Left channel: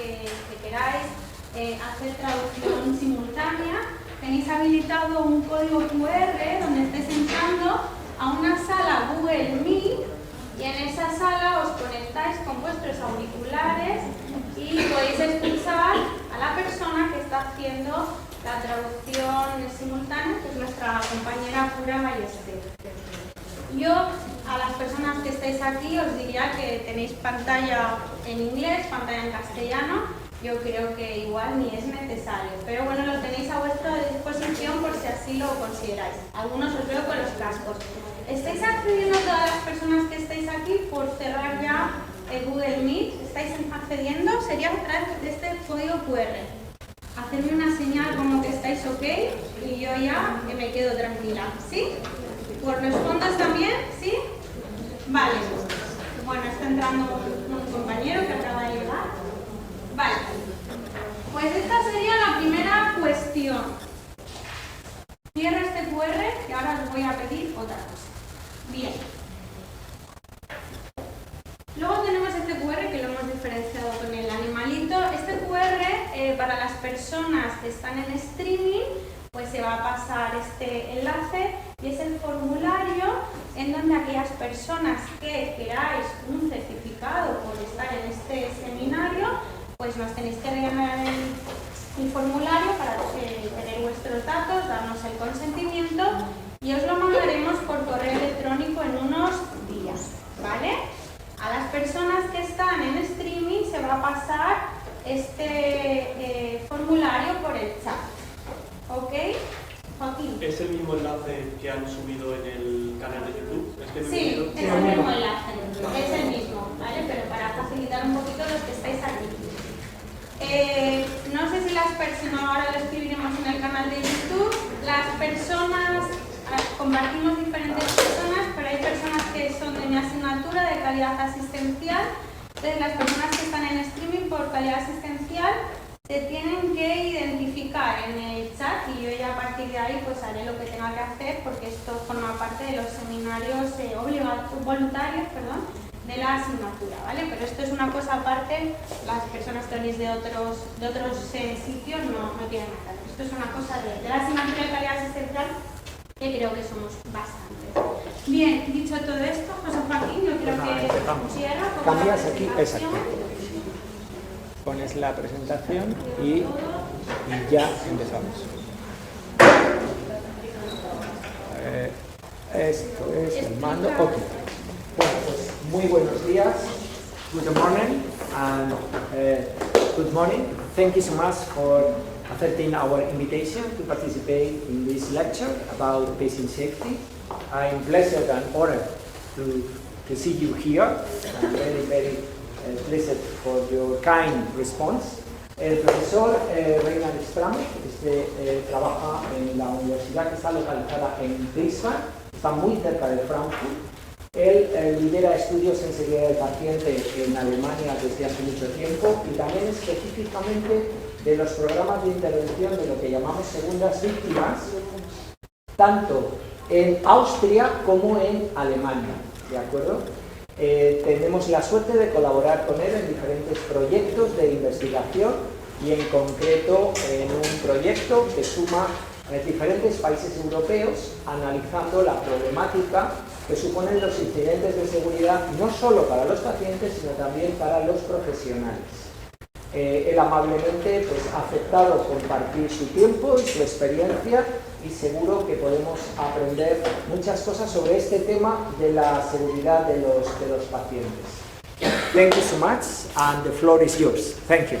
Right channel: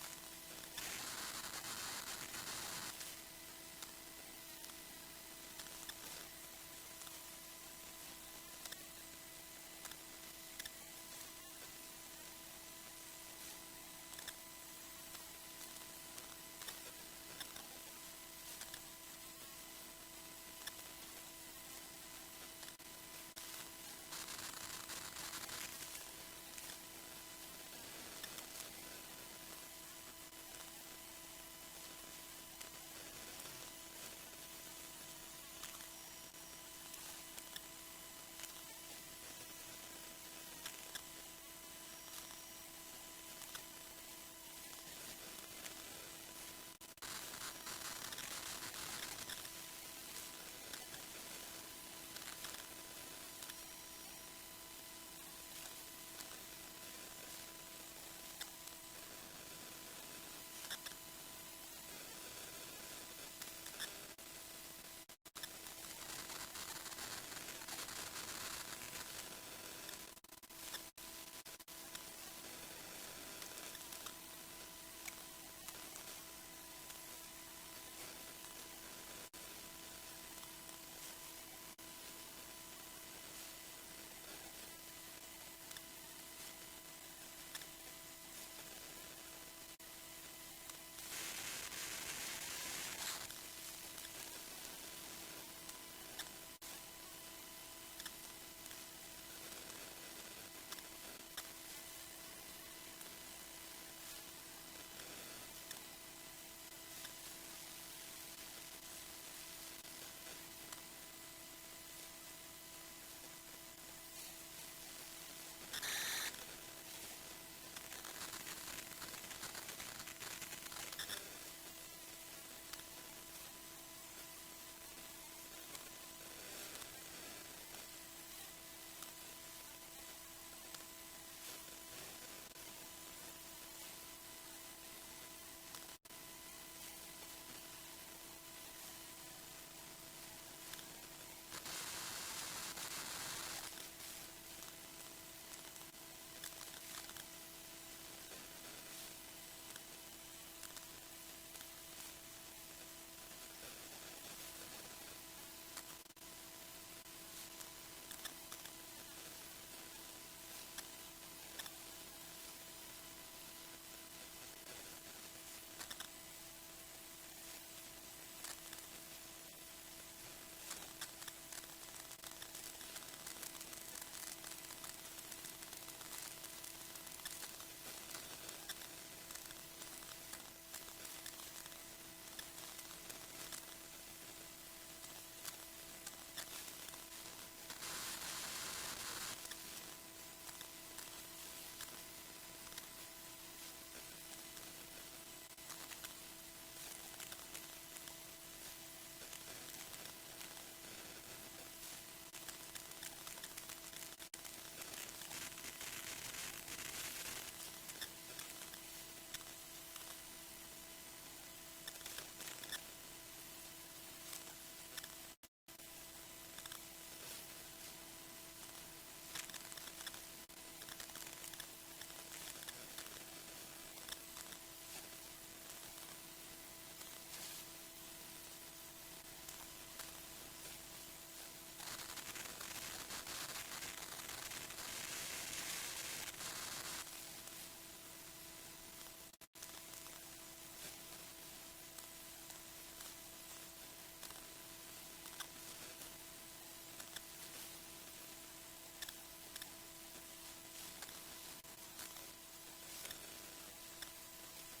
que queráis hacer traducción simultánea, tenéis habilitado un código QR donde estáis entrando a una sala Google Meet y en esa sala os conectáis con vuestros auriculares y podéis escuchar a la persona que está haciendo la traducción simultánea, que es nuestra compañera Pura Ballester. Yo, a las personas que estáis aquí, os diría que tenéis pantalla en inglés, pantalla en castellano. Yo creo que igual ni es necesario, pero bueno, lo tenéis a vuestra disposición por si así lo consideráis. Algunos os veo con los cascos. ¿Estáis accediendo todas las personas que estáis aquí por cerrar ya el Google Meet? ¿Estáis accediendo? Sería a través de este código QR. Hacerme una señal como que estáis ok y yo ya me quedo tranquila. ¿Sí? ¿Por los fondos también? ¿Sí? Vale. Bueno, está entrando un compañero que acaba de llegar. Vale. Pues esta sería la primera cuestión. Cierro este QR y ahora os voy a pedir otra cosa. Bien. Luego tenemos este QR que lo hemos diferenciado con el animalito. Este QR para las personas que están en streaming, pues se va a pasar este enlace y es el formulario en donde aquellas personas que queráis un certificado por estar en este seminario, pues nos tenéis que rellenar el formulario para tener vuestros datos, darnos el consentimiento y os lo mandaremos por correo electrónico en unos días, ¿vale? A las personas que están en streaming se va a pasar este formulario por el chat, ¿ok? Joaquín. ¿Es el mismo enlace que han subido en el canal de YouTube? Sí, es el mismo enlace, es el mismo, ¿vale? Pero para facilitar un poquito los que estáis aquí. No sé si las personas, ahora lo escribiremos en el canal de YouTube, las personas, compartimos diferentes personas, pero hay personas que son de mi asignatura de calidad asistencial. Entonces las personas que están en streaming por calidad asistencial se tienen que identificar en el chat y yo ya a partir de ahí pues haré lo que tenga que hacer porque esto forma parte de los seminarios voluntarios, de la asignatura, ¿vale? Pero esto es una cosa aparte, las personas que venís de otros sitios no tienen nada. Esto es una cosa de la asignatura de calidad asistencial que creo que somos bastante. Bien, dicho todo esto, José Joaquín, yo creo que pusiera... Cambias aquí, exacto. Pones la presentación y ya empezamos. Esto es el mando. Ok. Bueno, pues muy buenos días. Good morning and good morning. Thank you so much for accepting our invitation to participate in this lecture about patient safety. I'm blessed and honored to see you here. I'm very pleased for your kind response. El profesor Reinhard Strametz trabaja en la universidad que está localizada en Wiesbaden, está muy cerca de Frankfurt. Él lidera estudios en seguridad del paciente en Alemania desde hace mucho tiempo y también específicamente de los programas de intervención de lo que llamamos segundas víctimas, tanto en Austria como en Alemania, ¿de acuerdo? Tenemos la suerte de colaborar con él en diferentes proyectos de investigación y en concreto en un proyecto que suma diferentes países europeos analizando la problemática que suponen los incidentes de seguridad no solo para los pacientes sino también para los profesionales. Él amablemente ha aceptado compartir su tiempo y su experiencia y seguro que podemos aprender muchas cosas sobre este tema de la seguridad de los pacientes. Thank you so much and the floor is yours. Thank you.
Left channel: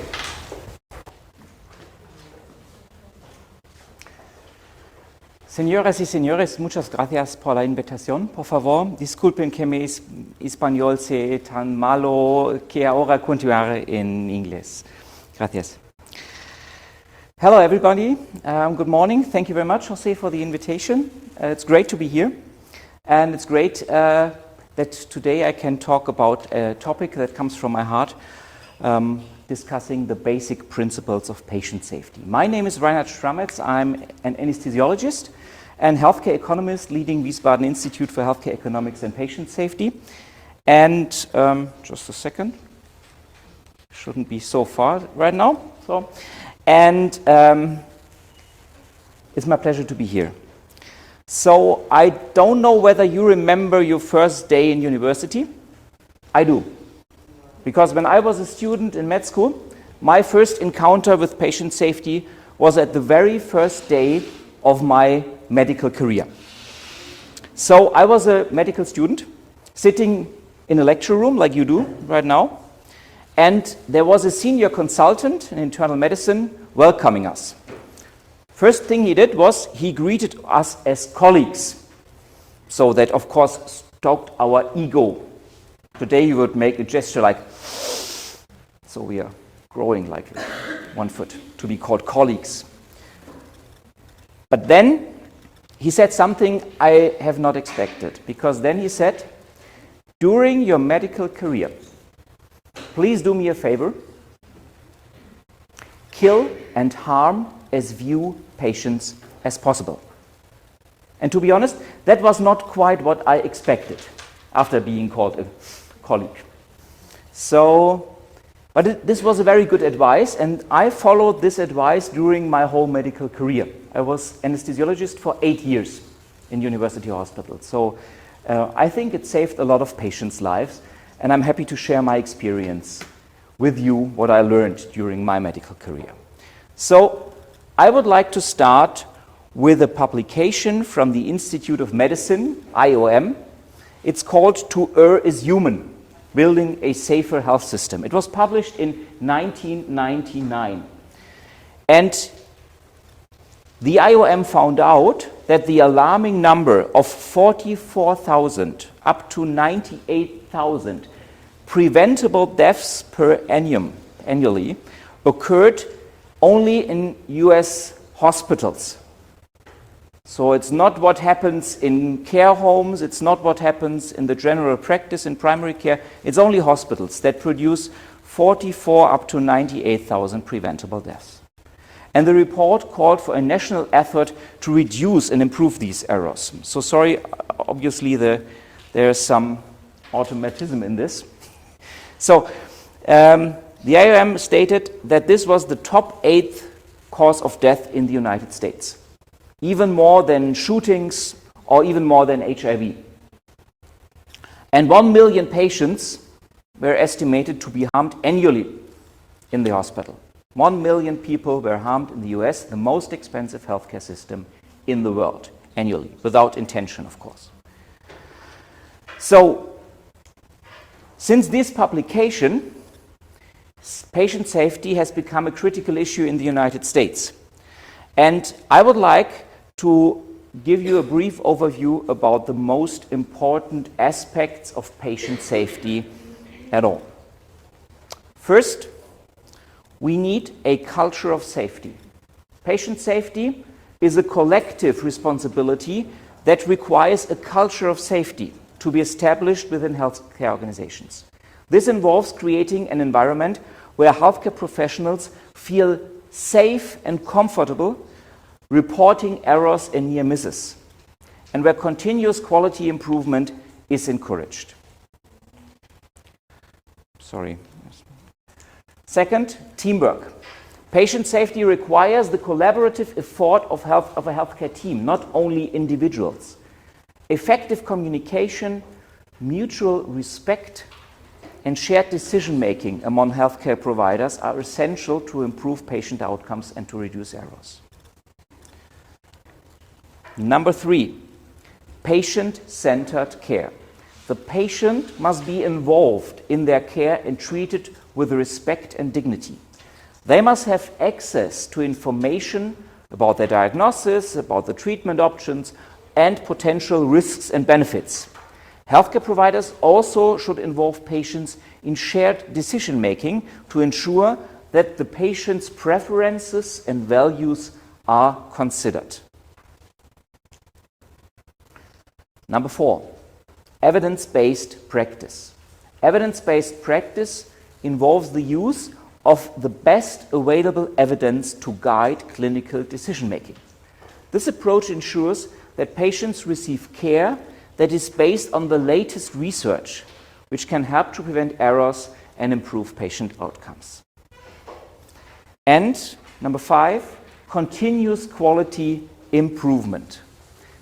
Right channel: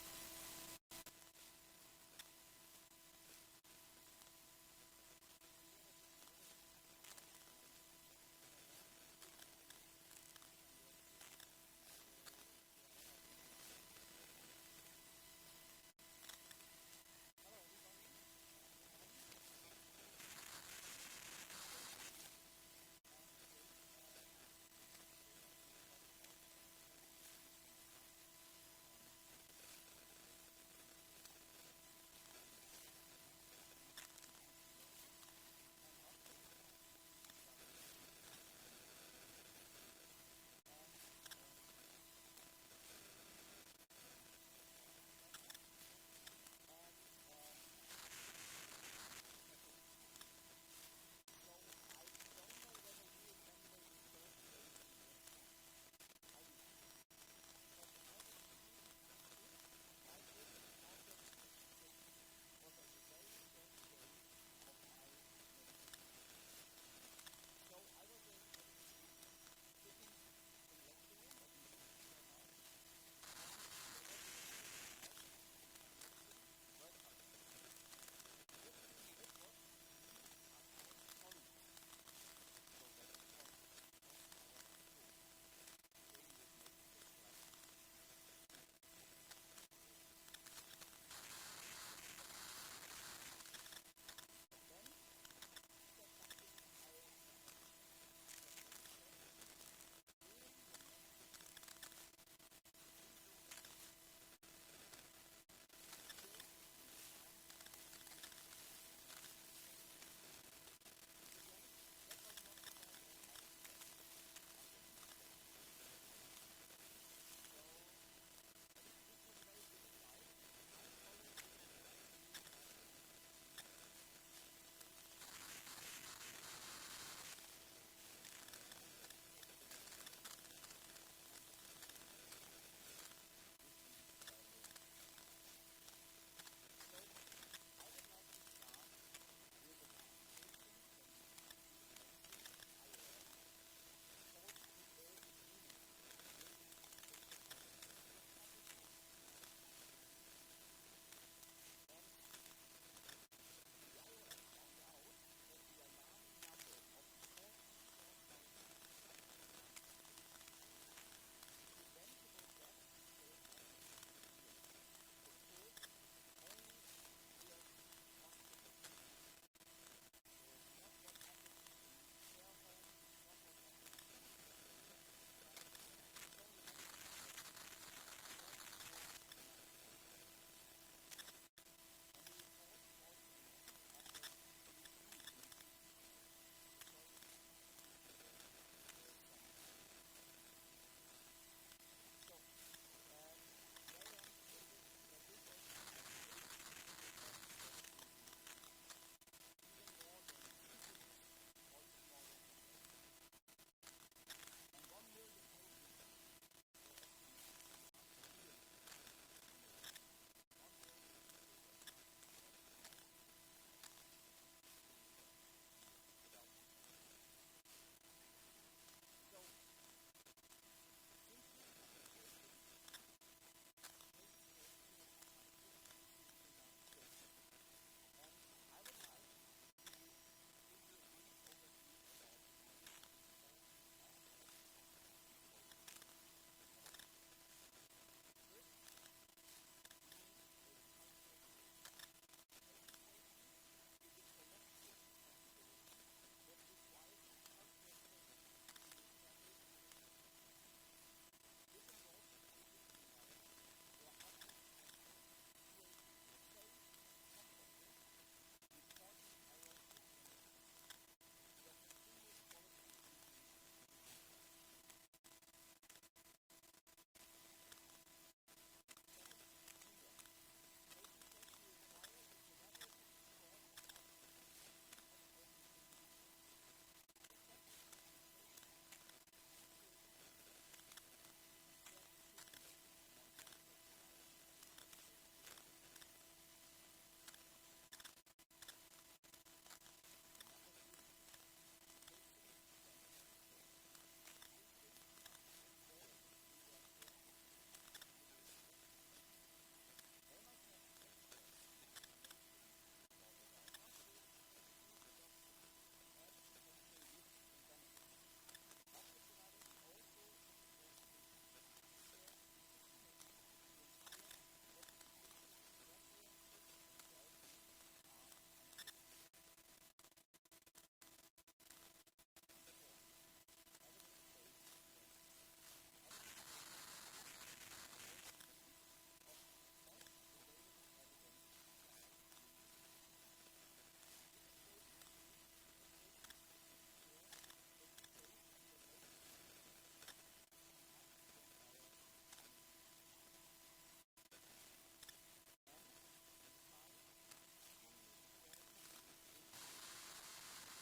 Señoras y señores, muchas gracias por la invitación. Por favor, disculpen que mi español sea tan malo que ahora continuaré en inglés. Gracias. Hello, everybody. Good morning. Thank you very much, Jose, for the invitation. It's great to be here. And it's great that today I can talk about a topic that comes from my heart, discussing the basic principles of patient safety. My name is Reinhard Strametz. I'm an anesthesiologist and healthcare economist leading Wiesbaden Institute for Healthcare Economics and Patient Safety. And just a second. Shouldn't be so far right now. And it's my pleasure to be here. So I don't know whether you remember your first day in university. I do. Because when I was a student in med school, my first encounter with patient safety was at the very first day of my medical career. So I was a medical student sitting in a lecture room like you do right now, and there was a senior consultant in internal medicine welcoming us. First thing he did was he greeted us as colleagues. So that, of course, stoked our ego. Today you would make a gesture like, so we are growing like 1 foot to be called colleagues. But then he said something I have not expected, because then he said, during your medical career, please do me a favor, kill and harm as few patients as possible. And to be honest, that was not quite what I expected after being called a colleague. But this was a very good advice, and I followed this advice during my whole medical career. I was anesthesiologist for 8 years in University Hospital. So I think it saved a lot of patients' lives, and I'm happy to share my experience with you, what I learned during my medical career. So I would like to start with a publication from the Institute of Medicine, IOM. It's called To Err is Human, Building a Safer Health System. It was published in 1999. And the IOM found out that the alarming number of 44,000 up to 98,000 preventable deaths per annum annually occurred only in US hospitals. So it's not what happens in care homes, it's not what happens in the general practice in primary care, it's only hospitals that produce 44 up to 98,000 preventable deaths. And the report called for a national effort to reduce and improve these errors. So sorry, obviously there's some automatism in this. So the IOM stated that this was the top 8th cause of death in the United States, even more than shootings or even more than HIV. And 1 million patients were estimated to be harmed annually in the hospital. 1 million people were harmed in the US, the most expensive healthcare system in the world, annually, without intention, of course. So, since this publication, patient safety has become a critical issue in the United States. And I would like to give you a brief overview about the most important aspects of patient safety at all. First, we need a culture of safety. Patient safety is a collective responsibility that requires a culture of safety to be established within healthcare organizations. This involves creating an environment where healthcare professionals feel safe and comfortable reporting errors and near misses, and where continuous quality improvement is encouraged. Second, teamwork. Patient safety requires the collaborative effort of a healthcare team, not only individuals. Effective communication, mutual respect, and shared decision-making among healthcare providers are essential to improve patient outcomes and to reduce errors. Number 3, patient-centered care. The patient must be involved in their care and treated with respect and dignity. They must have access to information about their diagnosis, about the treatment options, and potential risks and benefits. Healthcare providers also should involve patients in shared decision-making to ensure that the patient's preferences and values are considered. Number 4, evidence-based practice. Evidence-based practice involves the use of the best available evidence to guide clinical decision-making. This approach ensures that patients receive care that is based on the latest research, which can help to prevent errors and improve patient outcomes. And number 5, continuous quality improvement.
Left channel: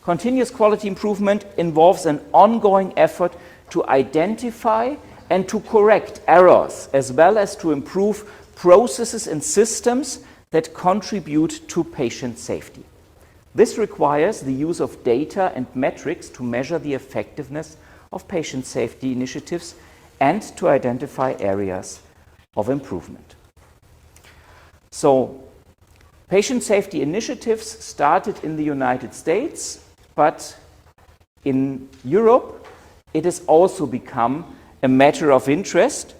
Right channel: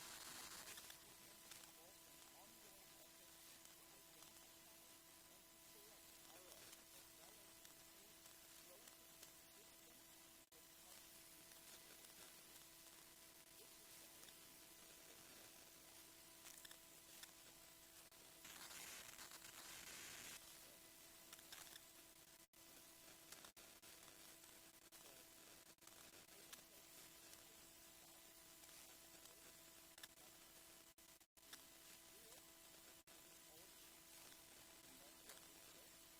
Continuous quality improvement involves an ongoing effort to identify and to correct errors, as well as to improve processes and systems that contribute to patient safety. This requires the use of data and metrics to measure the effectiveness of patient safety initiatives and to identify areas of improvement. So, patient safety initiatives started in the United States, but in Europe it has also become a matter of interest.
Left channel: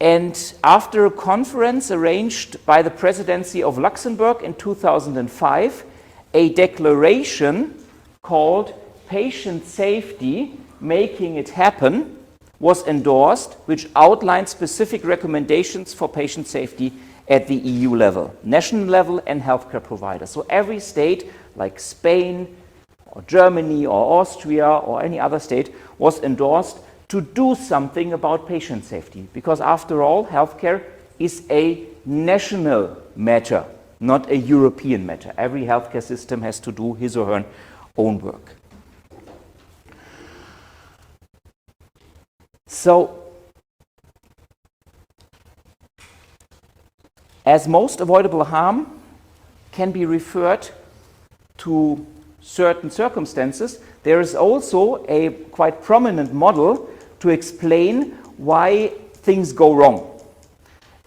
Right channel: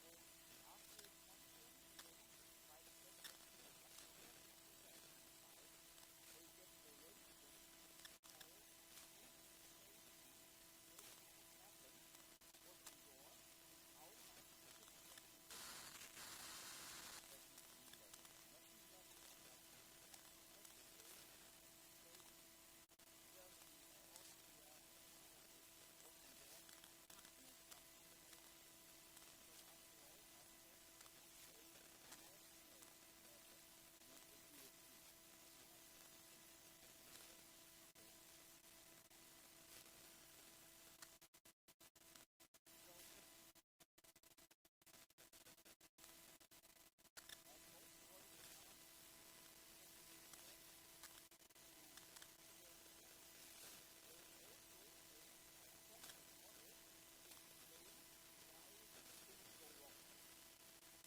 And after a conference arranged by the presidency of Luxembourg in 2005, a declaration called Patient Safety, Making It Happen was endorsed, which outlined specific recommendations for patient safety at the EU level, national level, and healthcare providers. So every state, like Spain, or Germany, or Austria, or any other state, was endorsed to do something about patient safety, because after all, healthcare is a national matter, not a European matter. Every healthcare system has to do his or her own work. So, as most avoidable harm can be referred to certain circumstances, there is also a quite prominent model to explain why things go wrong.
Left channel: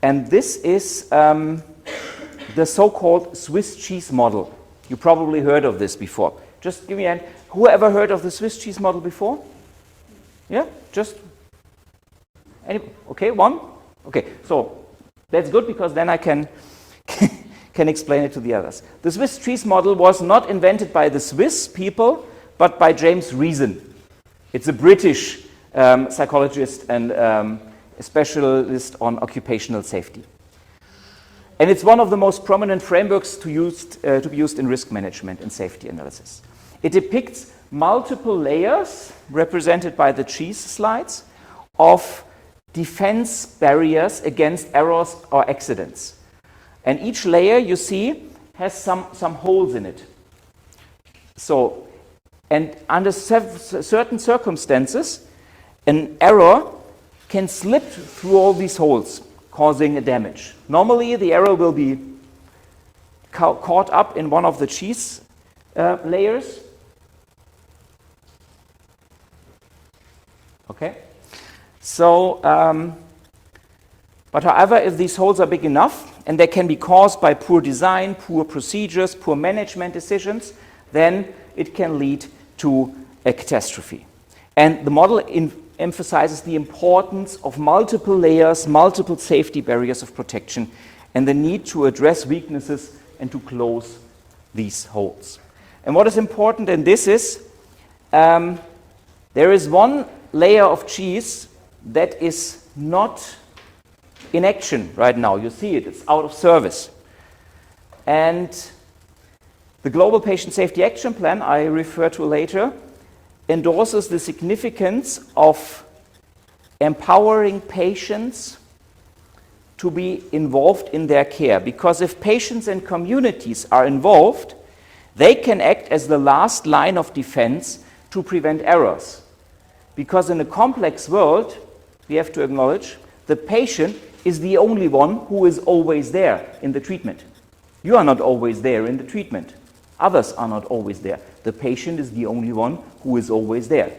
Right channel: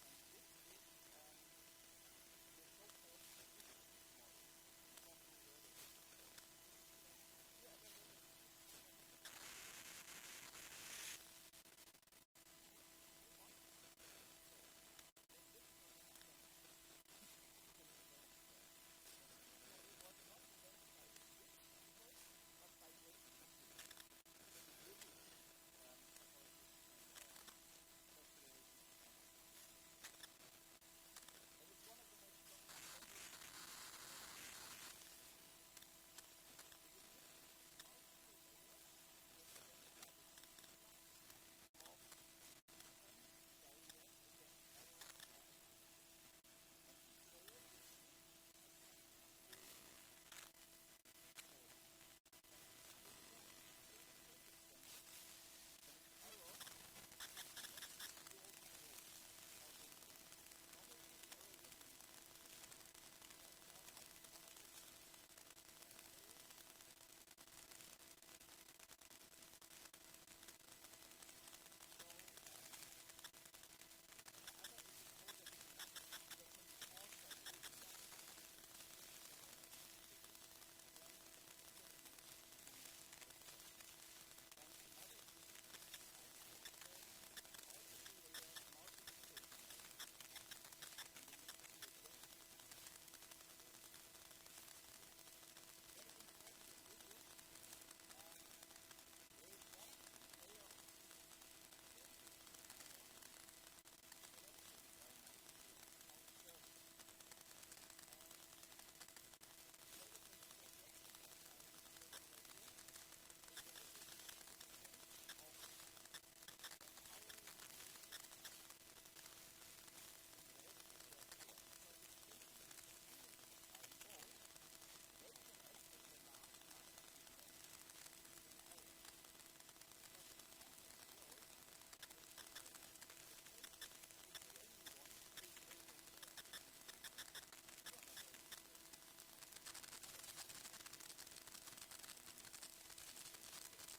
And this is the so-called Swiss cheese model. You probably heard of this before. Just give me a hand. Who ever heard of the Swiss cheese model before? Yeah? Just? Okay, one? Okay, so that's good, because then I can explain it to the others. The Swiss cheese model was not invented by the Swiss people, but by James Reason. It's a British psychologist and a specialist on occupational safety. And it's one of the most prominent frameworks to be used in risk management and safety analysis. It depicts multiple layers, represented by the cheese slides, of defense barriers against errors or accidents. And each layer, you see, has some holes in it. So, and under certain circumstances, an error can slip through all these holes, causing a damage. Normally, the error will be caught up in one of the cheese layers. Okay? So, but however, if these holes are big enough, and they can be caused by poor design, poor procedures, poor management decisions, then it can lead to a catastrophe. And the model emphasizes the importance of multiple layers, multiple safety barriers of protection, and the need to address weaknesses and to close these holes. And what is important in this is, there is one layer of cheese that is not in action right now. You see it, it's out of service. And the Global Patient Safety Action Plan, I refer to later, endorses the significance of empowering patients to be involved in their care. Because if patients and communities are involved, they can act as the last line of defense to prevent errors. Because in a complex world, we have to acknowledge, the patient is the only one who is always there in the treatment. You are not always there in the treatment. Others are not always there. The patient is the only one who is always there.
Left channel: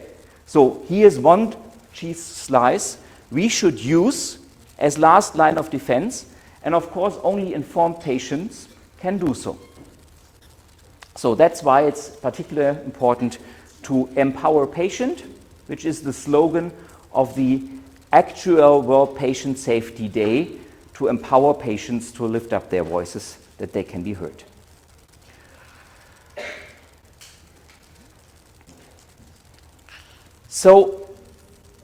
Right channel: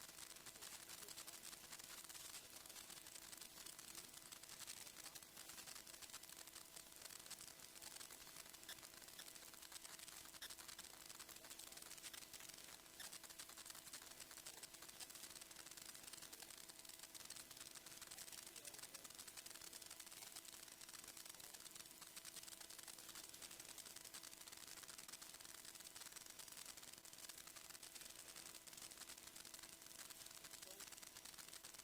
So here's one cheese slice we should use as last line of defense, and of course only informed patients can do so. So that's why it's particularly important to empower patient, which is the slogan of the actual World Patient Safety Day, to empower patients to lift up their voices that they can be heard. So,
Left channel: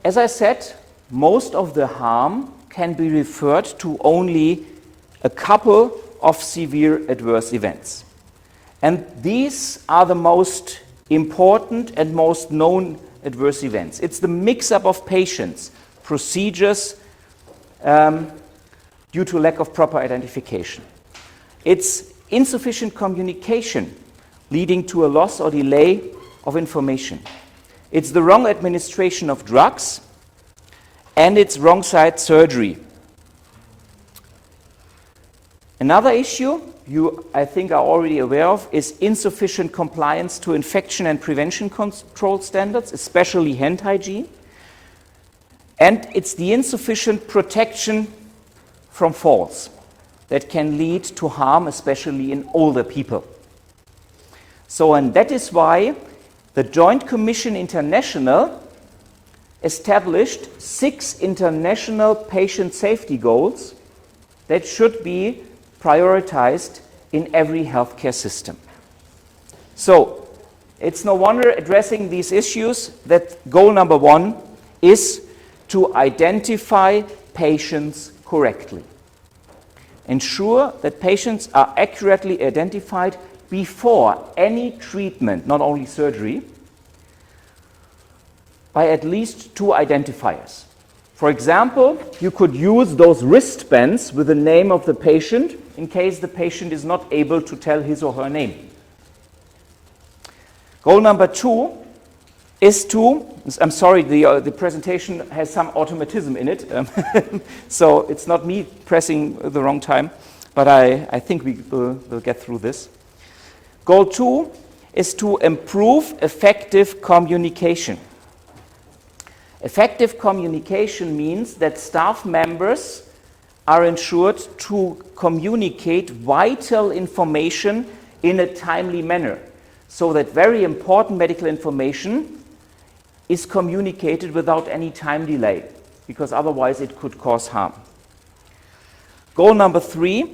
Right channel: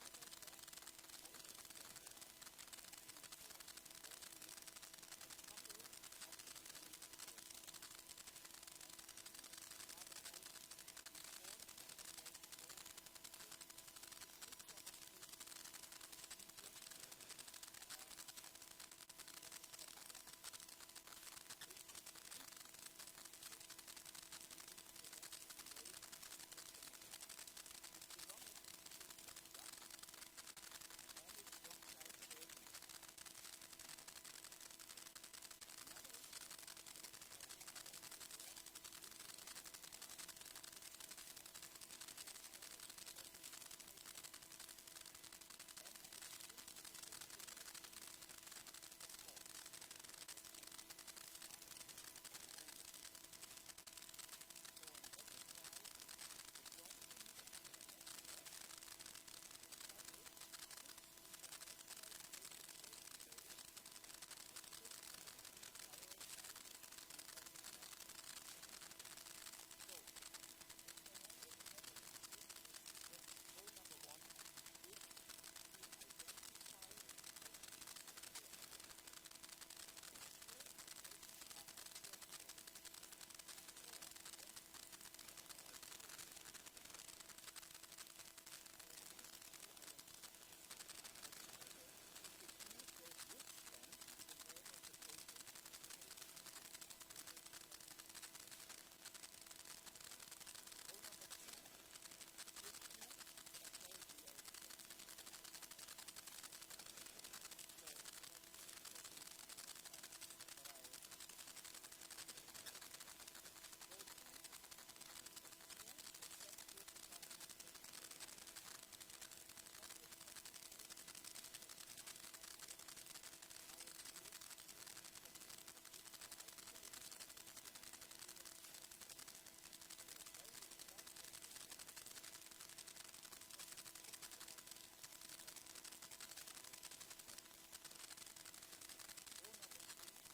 as I said, most of the harm can be referred to only a couple of severe adverse events. And these are the most important and most known adverse events. It's the mix-up of patients, procedures due to lack of proper identification. It's insufficient communication leading to a loss or delay of information. It's the wrong administration of drugs, and it's wrong side surgery. Another issue you, I think, are already aware of is insufficient compliance to infection and prevention control standards, especially hand hygiene. And it's the insufficient protection from falls that can lead to harm, especially in older people. So, and that is why the Joint Commission International established 6 international patient safety goals that should be prioritized in every healthcare system. So, it's no wonder addressing these issues that goal number 1 is to identify patients correctly. Ensure that patients are accurately identified before any treatment, not only surgery, by at least 2 identifiers. For example, you could use those wristbands with the name of the patient in case the patient is not able to tell his or her name. Goal number 2 is to, I'm sorry, the presentation has some automatism in it, so it's not me pressing the wrong time, but I think we'll get through this. Goal 2 is to improve effective communication. Effective communication means that staff members are ensured to communicate vital information in a timely manner, so that very important medical information is communicated without any time delay, because otherwise it could cause harm. Goal number 3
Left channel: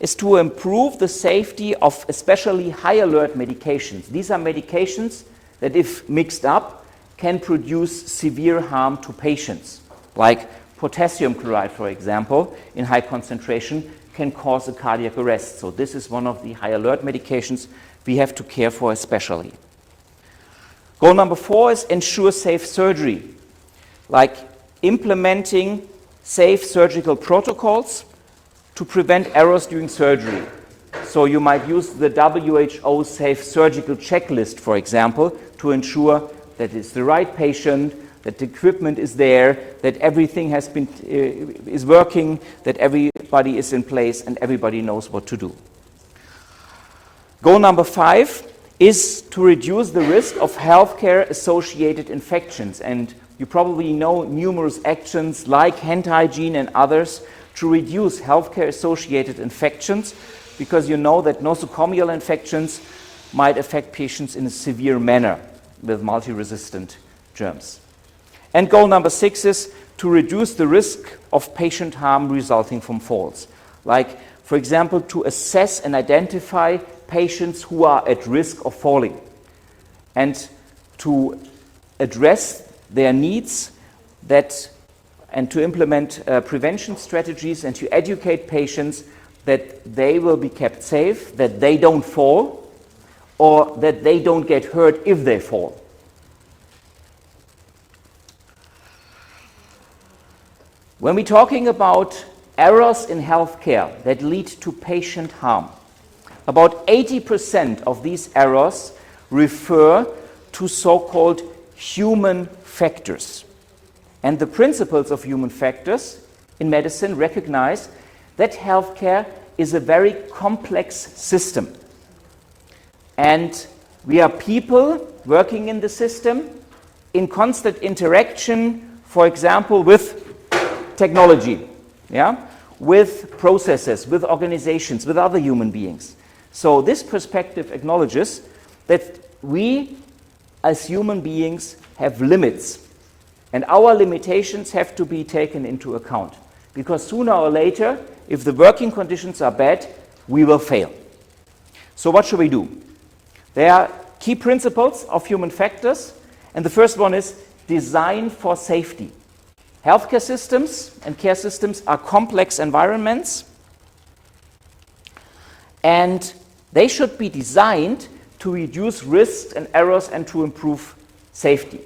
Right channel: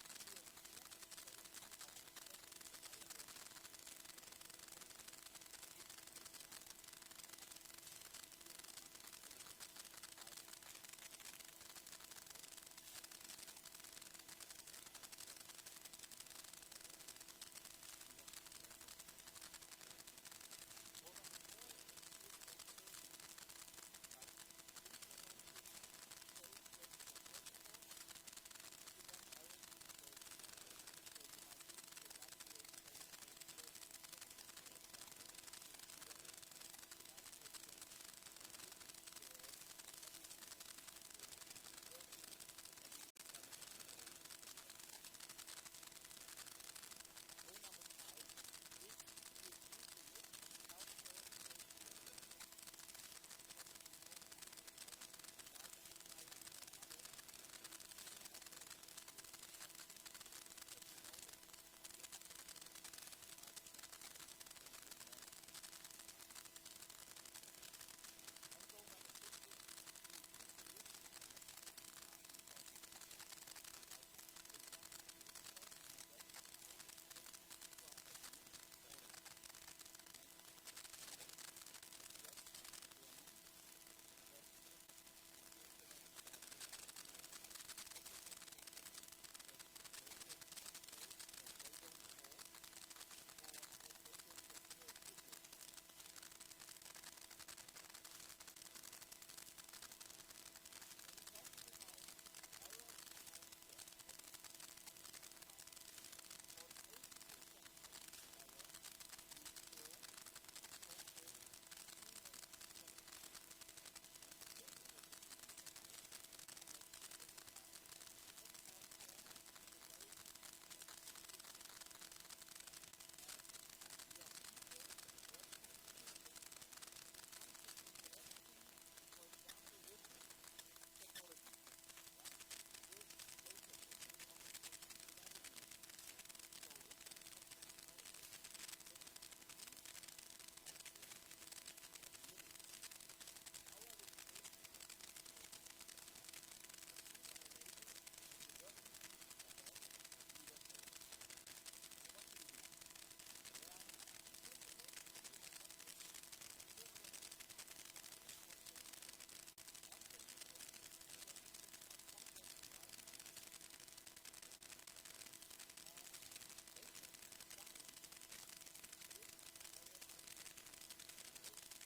is to improve the safety of especially high alert medications. These are medications that, if mixed up, can produce severe harm to patients, like potassium chloride, for example, in high concentration can cause a cardiac arrest. So this is one of the high alert medications we have to care for especially. Goal number 4 is ensure safe surgery, like implementing safe surgical protocols to prevent errors during surgery. So you might use the WHO safe surgical checklist, for example, to ensure that it's the right patient, that the equipment is there, that everything has been is working, that everybody is in place and everybody knows what to do. Goal number 5 is to reduce the risk of healthcare-associated infections. And you probably know numerous actions like hand hygiene and others to reduce healthcare-associated infections, because you know that nosocomial infections might affect patients in a severe manner with multi-resistant germs. And goal number 6 is to reduce the risk of patient harm resulting from falls. Like, for example, to assess and identify patients who are at risk of falling and to address their needs and to implement prevention strategies and to educate patients that they will be kept safe, that they don't fall, or that they don't get hurt if they fall. When we're talking about errors in healthcare that lead to patient harm, about 80% of these errors refer to so-called human factors. And the principles of human factors in medicine recognize that healthcare is a very complex system. And we are people working in the system in constant interaction, for example, with technology, with processes, with organizations, with other human beings. So this perspective acknowledges that we as human beings have limits, and our limitations have to be taken into account, because sooner or later, if the working conditions are bad, we will fail. So what should we do? There are key principles of human factors, and the first one is design for safety. Healthcare systems and care systems are complex environments, and they should be designed to reduce risks and errors and to improve safety.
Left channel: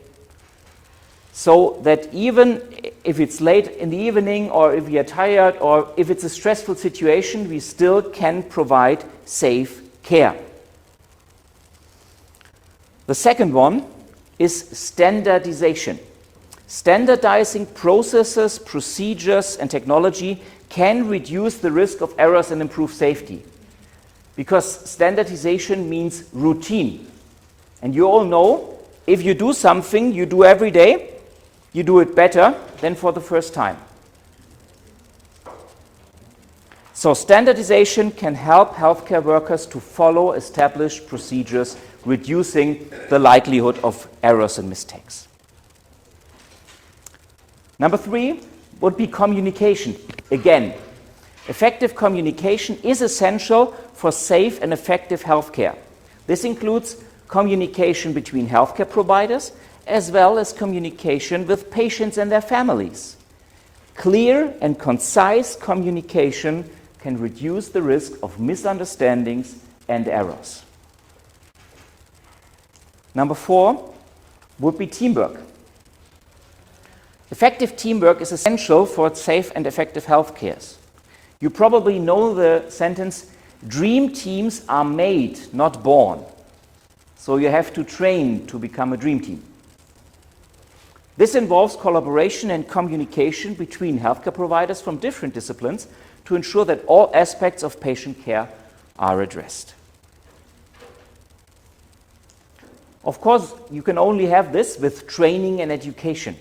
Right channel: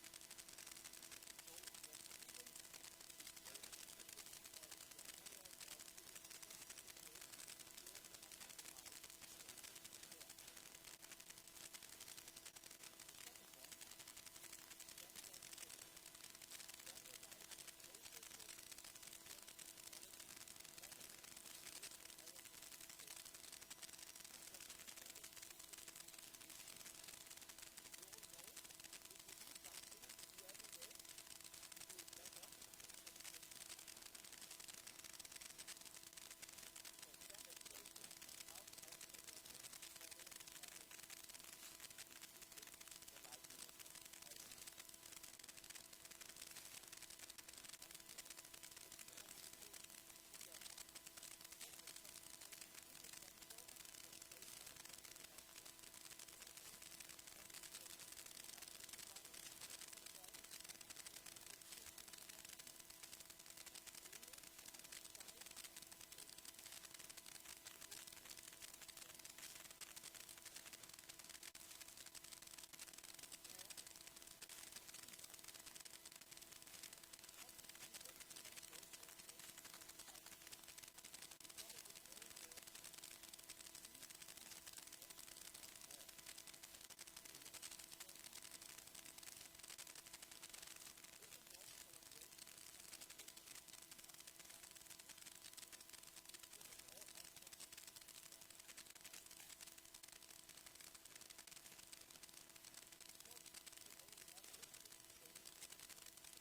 so that even if it's late in the evening or if we are tired or if it's a stressful situation, we still can provide safe care. The second one is standardization. Standardizing processes, procedures, and technology can reduce the risk of errors and improve safety. Because standardization means routine. And you all know, if you do something you do every day, you do it better than for the first time. So standardization can help healthcare workers to follow established procedures, reducing the likelihood of errors and mistakes. Number 3 would be communication. Again, effective communication is essential for safe and effective healthcare. This includes communication between healthcare providers as well as communication with patients and their families. Clear and concise communication can reduce the risk of misunderstandings and errors. Number 4 would be teamwork. Effective teamwork is essential for safe and effective healthcare. You probably know the sentence, dream teams are made, not born. So you have to train to become a dream team. This involves collaboration and communication between healthcare providers from different disciplines to ensure that all aspects of patient care are addressed. Of course, you can only have this with training and education.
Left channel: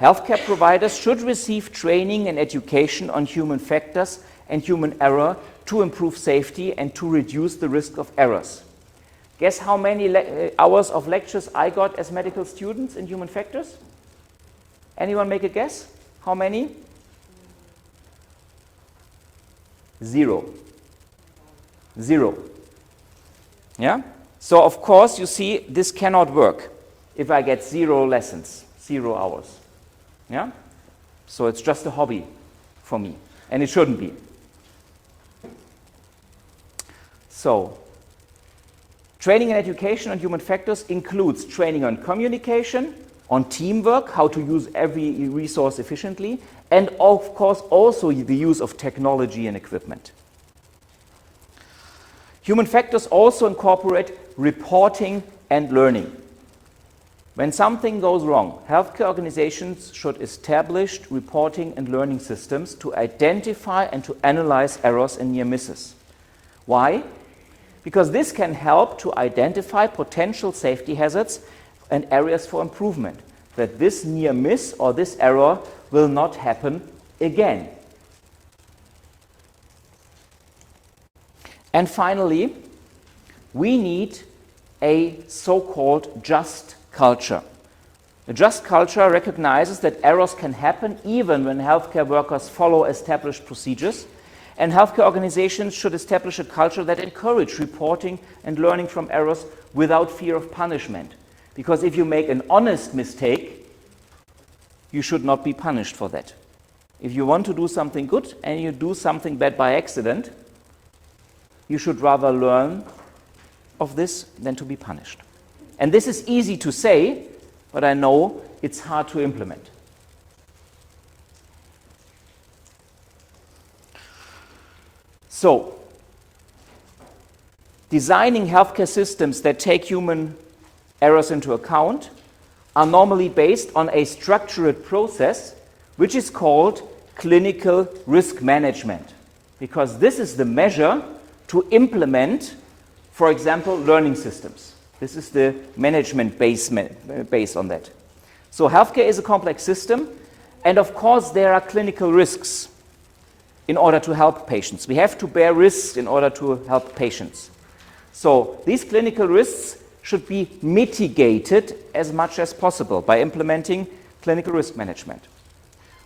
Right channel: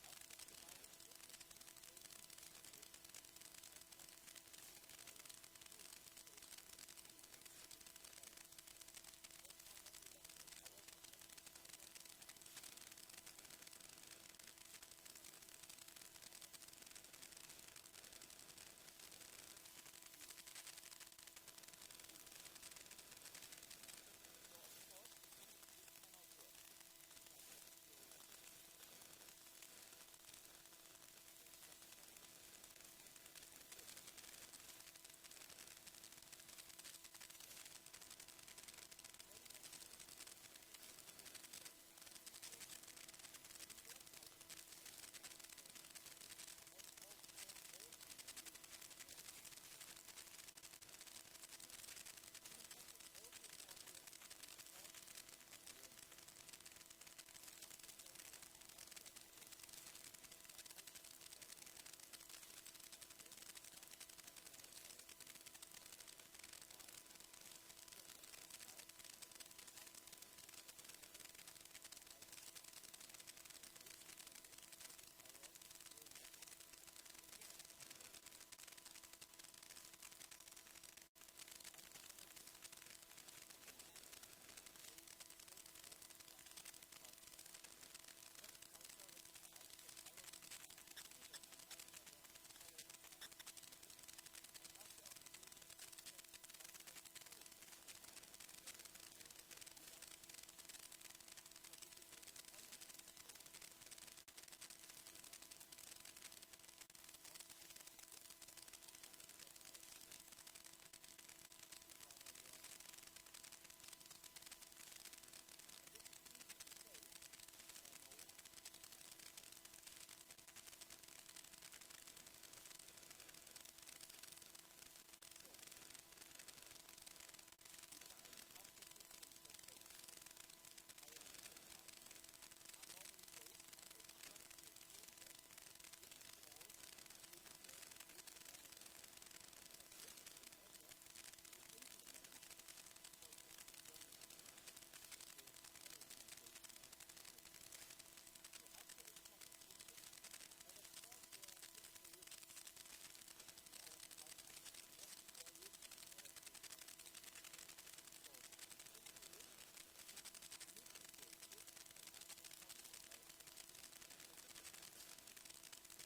Healthcare providers should receive training and education on human factors and human error to improve safety and to reduce the risk of errors. Guess how many hours of lectures I got as medical students in human factors? Anyone make a guess? How many? 0. 0. Yeah? So of course, you see, this cannot work if I get 0 lessons, 0 hours. Yeah? So it's just a hobby for me, and it shouldn't be. So, training and education on human factors includes training on communication, on teamwork, how to use every resource efficiently, and of course also the use of technology and equipment. Human factors also incorporate reporting and learning. When something goes wrong, healthcare organizations should establish reporting and learning systems to identify and to analyze errors and near misses. Why? Because this can help to identify potential safety hazards and areas for improvement, that this near miss or this error will not happen again. And finally, we need a so-called just culture. A just culture recognizes that errors can happen even when healthcare workers follow established procedures, and healthcare organizations should establish a culture that encourages reporting and learning from errors without fear of punishment. Because if you make an honest mistake, you should not be punished for that. If you want to do something good and you do something bad by accident, you should rather learn of this than to be punished. And this is easy to say, but I know it's hard to implement. So, designing healthcare systems that take human errors into account are normally based on a structured process which is called clinical risk management, because this is the measure to implement, for example, learning systems. This is the management base on that. So healthcare is a complex system, and of course there are clinical risks in order to help patients. We have to bear risks in order to help patients. So these clinical risks should be mitigated as much as possible by implementing clinical risk management.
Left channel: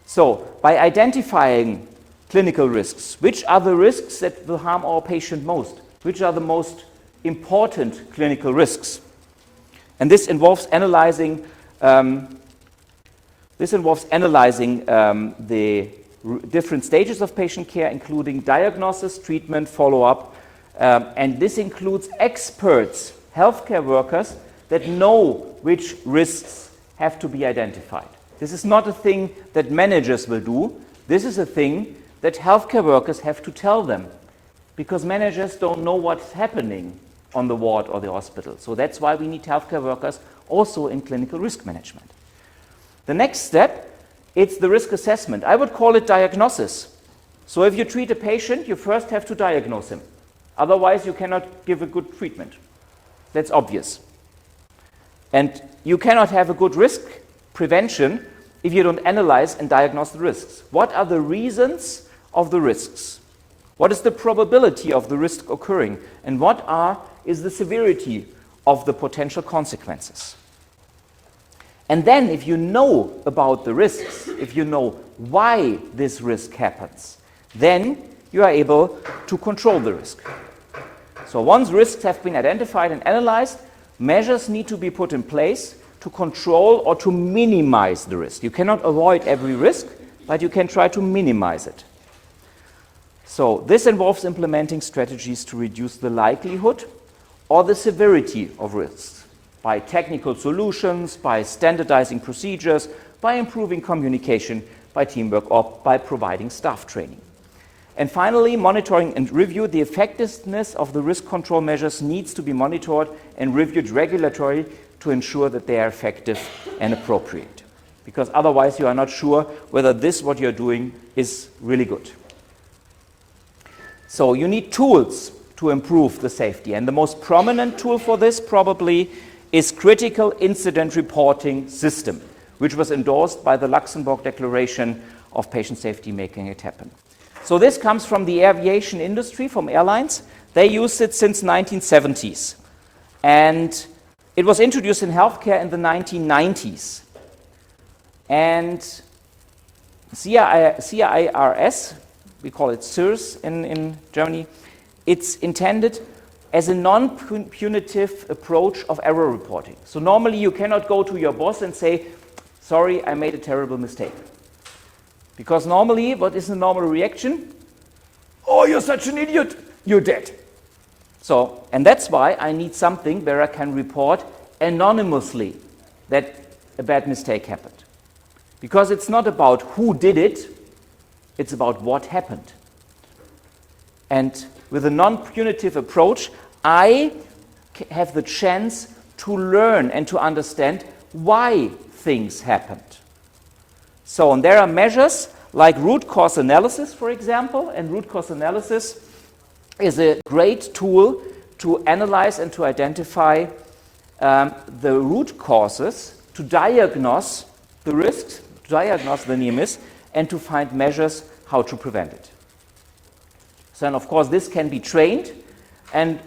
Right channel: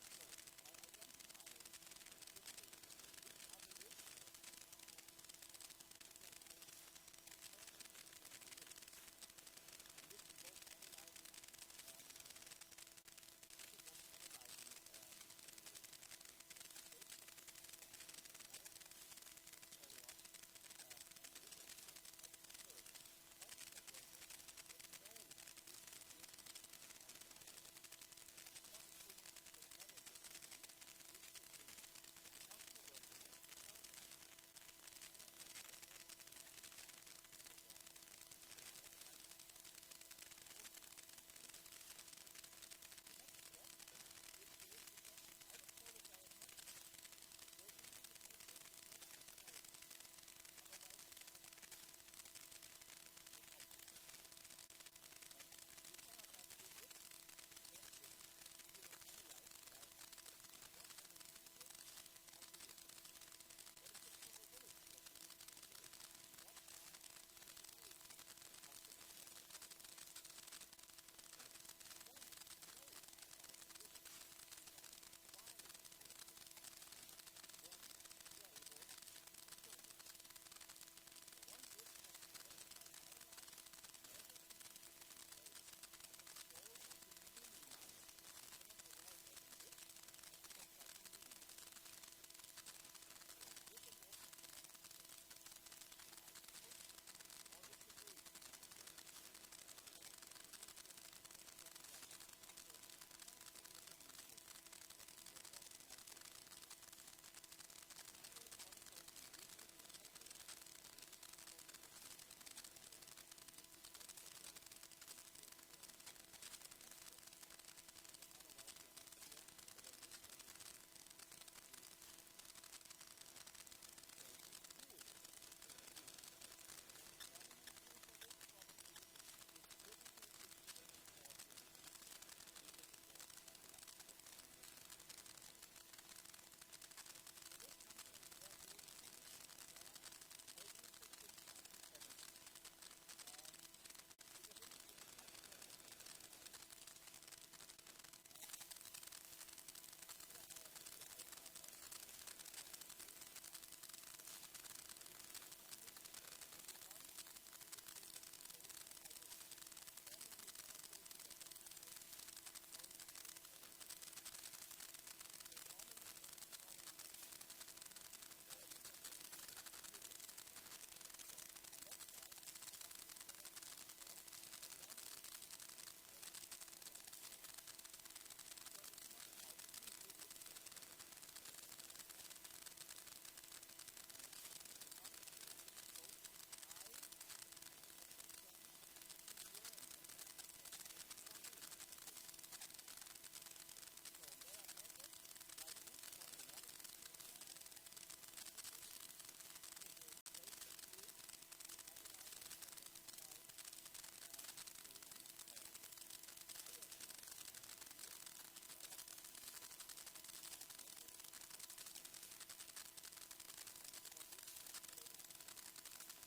So by identifying clinical risks, which are the risks that will harm our patient most? Which are the most important clinical risks? And this involves analyzing the different stages of patient care, including diagnosis, treatment, follow-up, and this includes experts, healthcare workers, that know which risks have to be identified. This is not a thing that managers will do. This is a thing that healthcare workers have to tell them, because managers don't know what's happening on the ward or the hospital. So that's why we need healthcare workers also in clinical risk management. The next step, it's the risk assessment. I would call it diagnosis. So if you treat a patient, you first have to diagnose him. Otherwise, you cannot give a good treatment. That's obvious. And you cannot have a good risk prevention if you don't analyze and diagnose the risks. What are the reasons of the risks? What is the probability of the risk occurring? And what is the severity of the potential consequences? And then if you know about the risks, if you know why this risk happens, then you are able to control the risk. So once risks have been identified and analyzed, measures need to be put in place to control or to minimize the risk. You cannot avoid every risk, but you can try to minimize it. So this involves implementing strategies to reduce the likelihood or the severity of risks by technical solutions, by standardizing procedures, by improving communication, by teamwork, or by providing staff training. And finally, monitoring and review. The effectiveness of the risk control measures needs to be monitored and reviewed regularly to ensure that they are effective and appropriate. Because otherwise you are not sure whether what you're doing is really good. So you need tools to improve the safety. And the most prominent tool for this probably is critical incident reporting system, which was endorsed by the Luxembourg Declaration of Patient Safety, Making It Happen. So this comes from the aviation industry, from airlines. They used it since 1970s. And it was introduced in healthcare in the 1990s. And CIRS, we call it CIRS in Germany, it's intended as a non-punitive approach of error reporting. So normally you cannot go to your boss and say, sorry, I made a terrible mistake. Because normally, what is the normal reaction? Oh, you're such an idiot, you're dead. So, and that's why I need something where I can report anonymously that a bad mistake happened. Because it's not about who did it, it's about what happened. And with a non-punitive approach, I have the chance to learn and to understand why things happened. So, and there are measures like root cause analysis, for example, and root cause analysis is a great tool to analyze and to identify the root causes, to diagnose the risks, to diagnose the near miss, and to find measures how to prevent it. So, and of course, this can be trained, and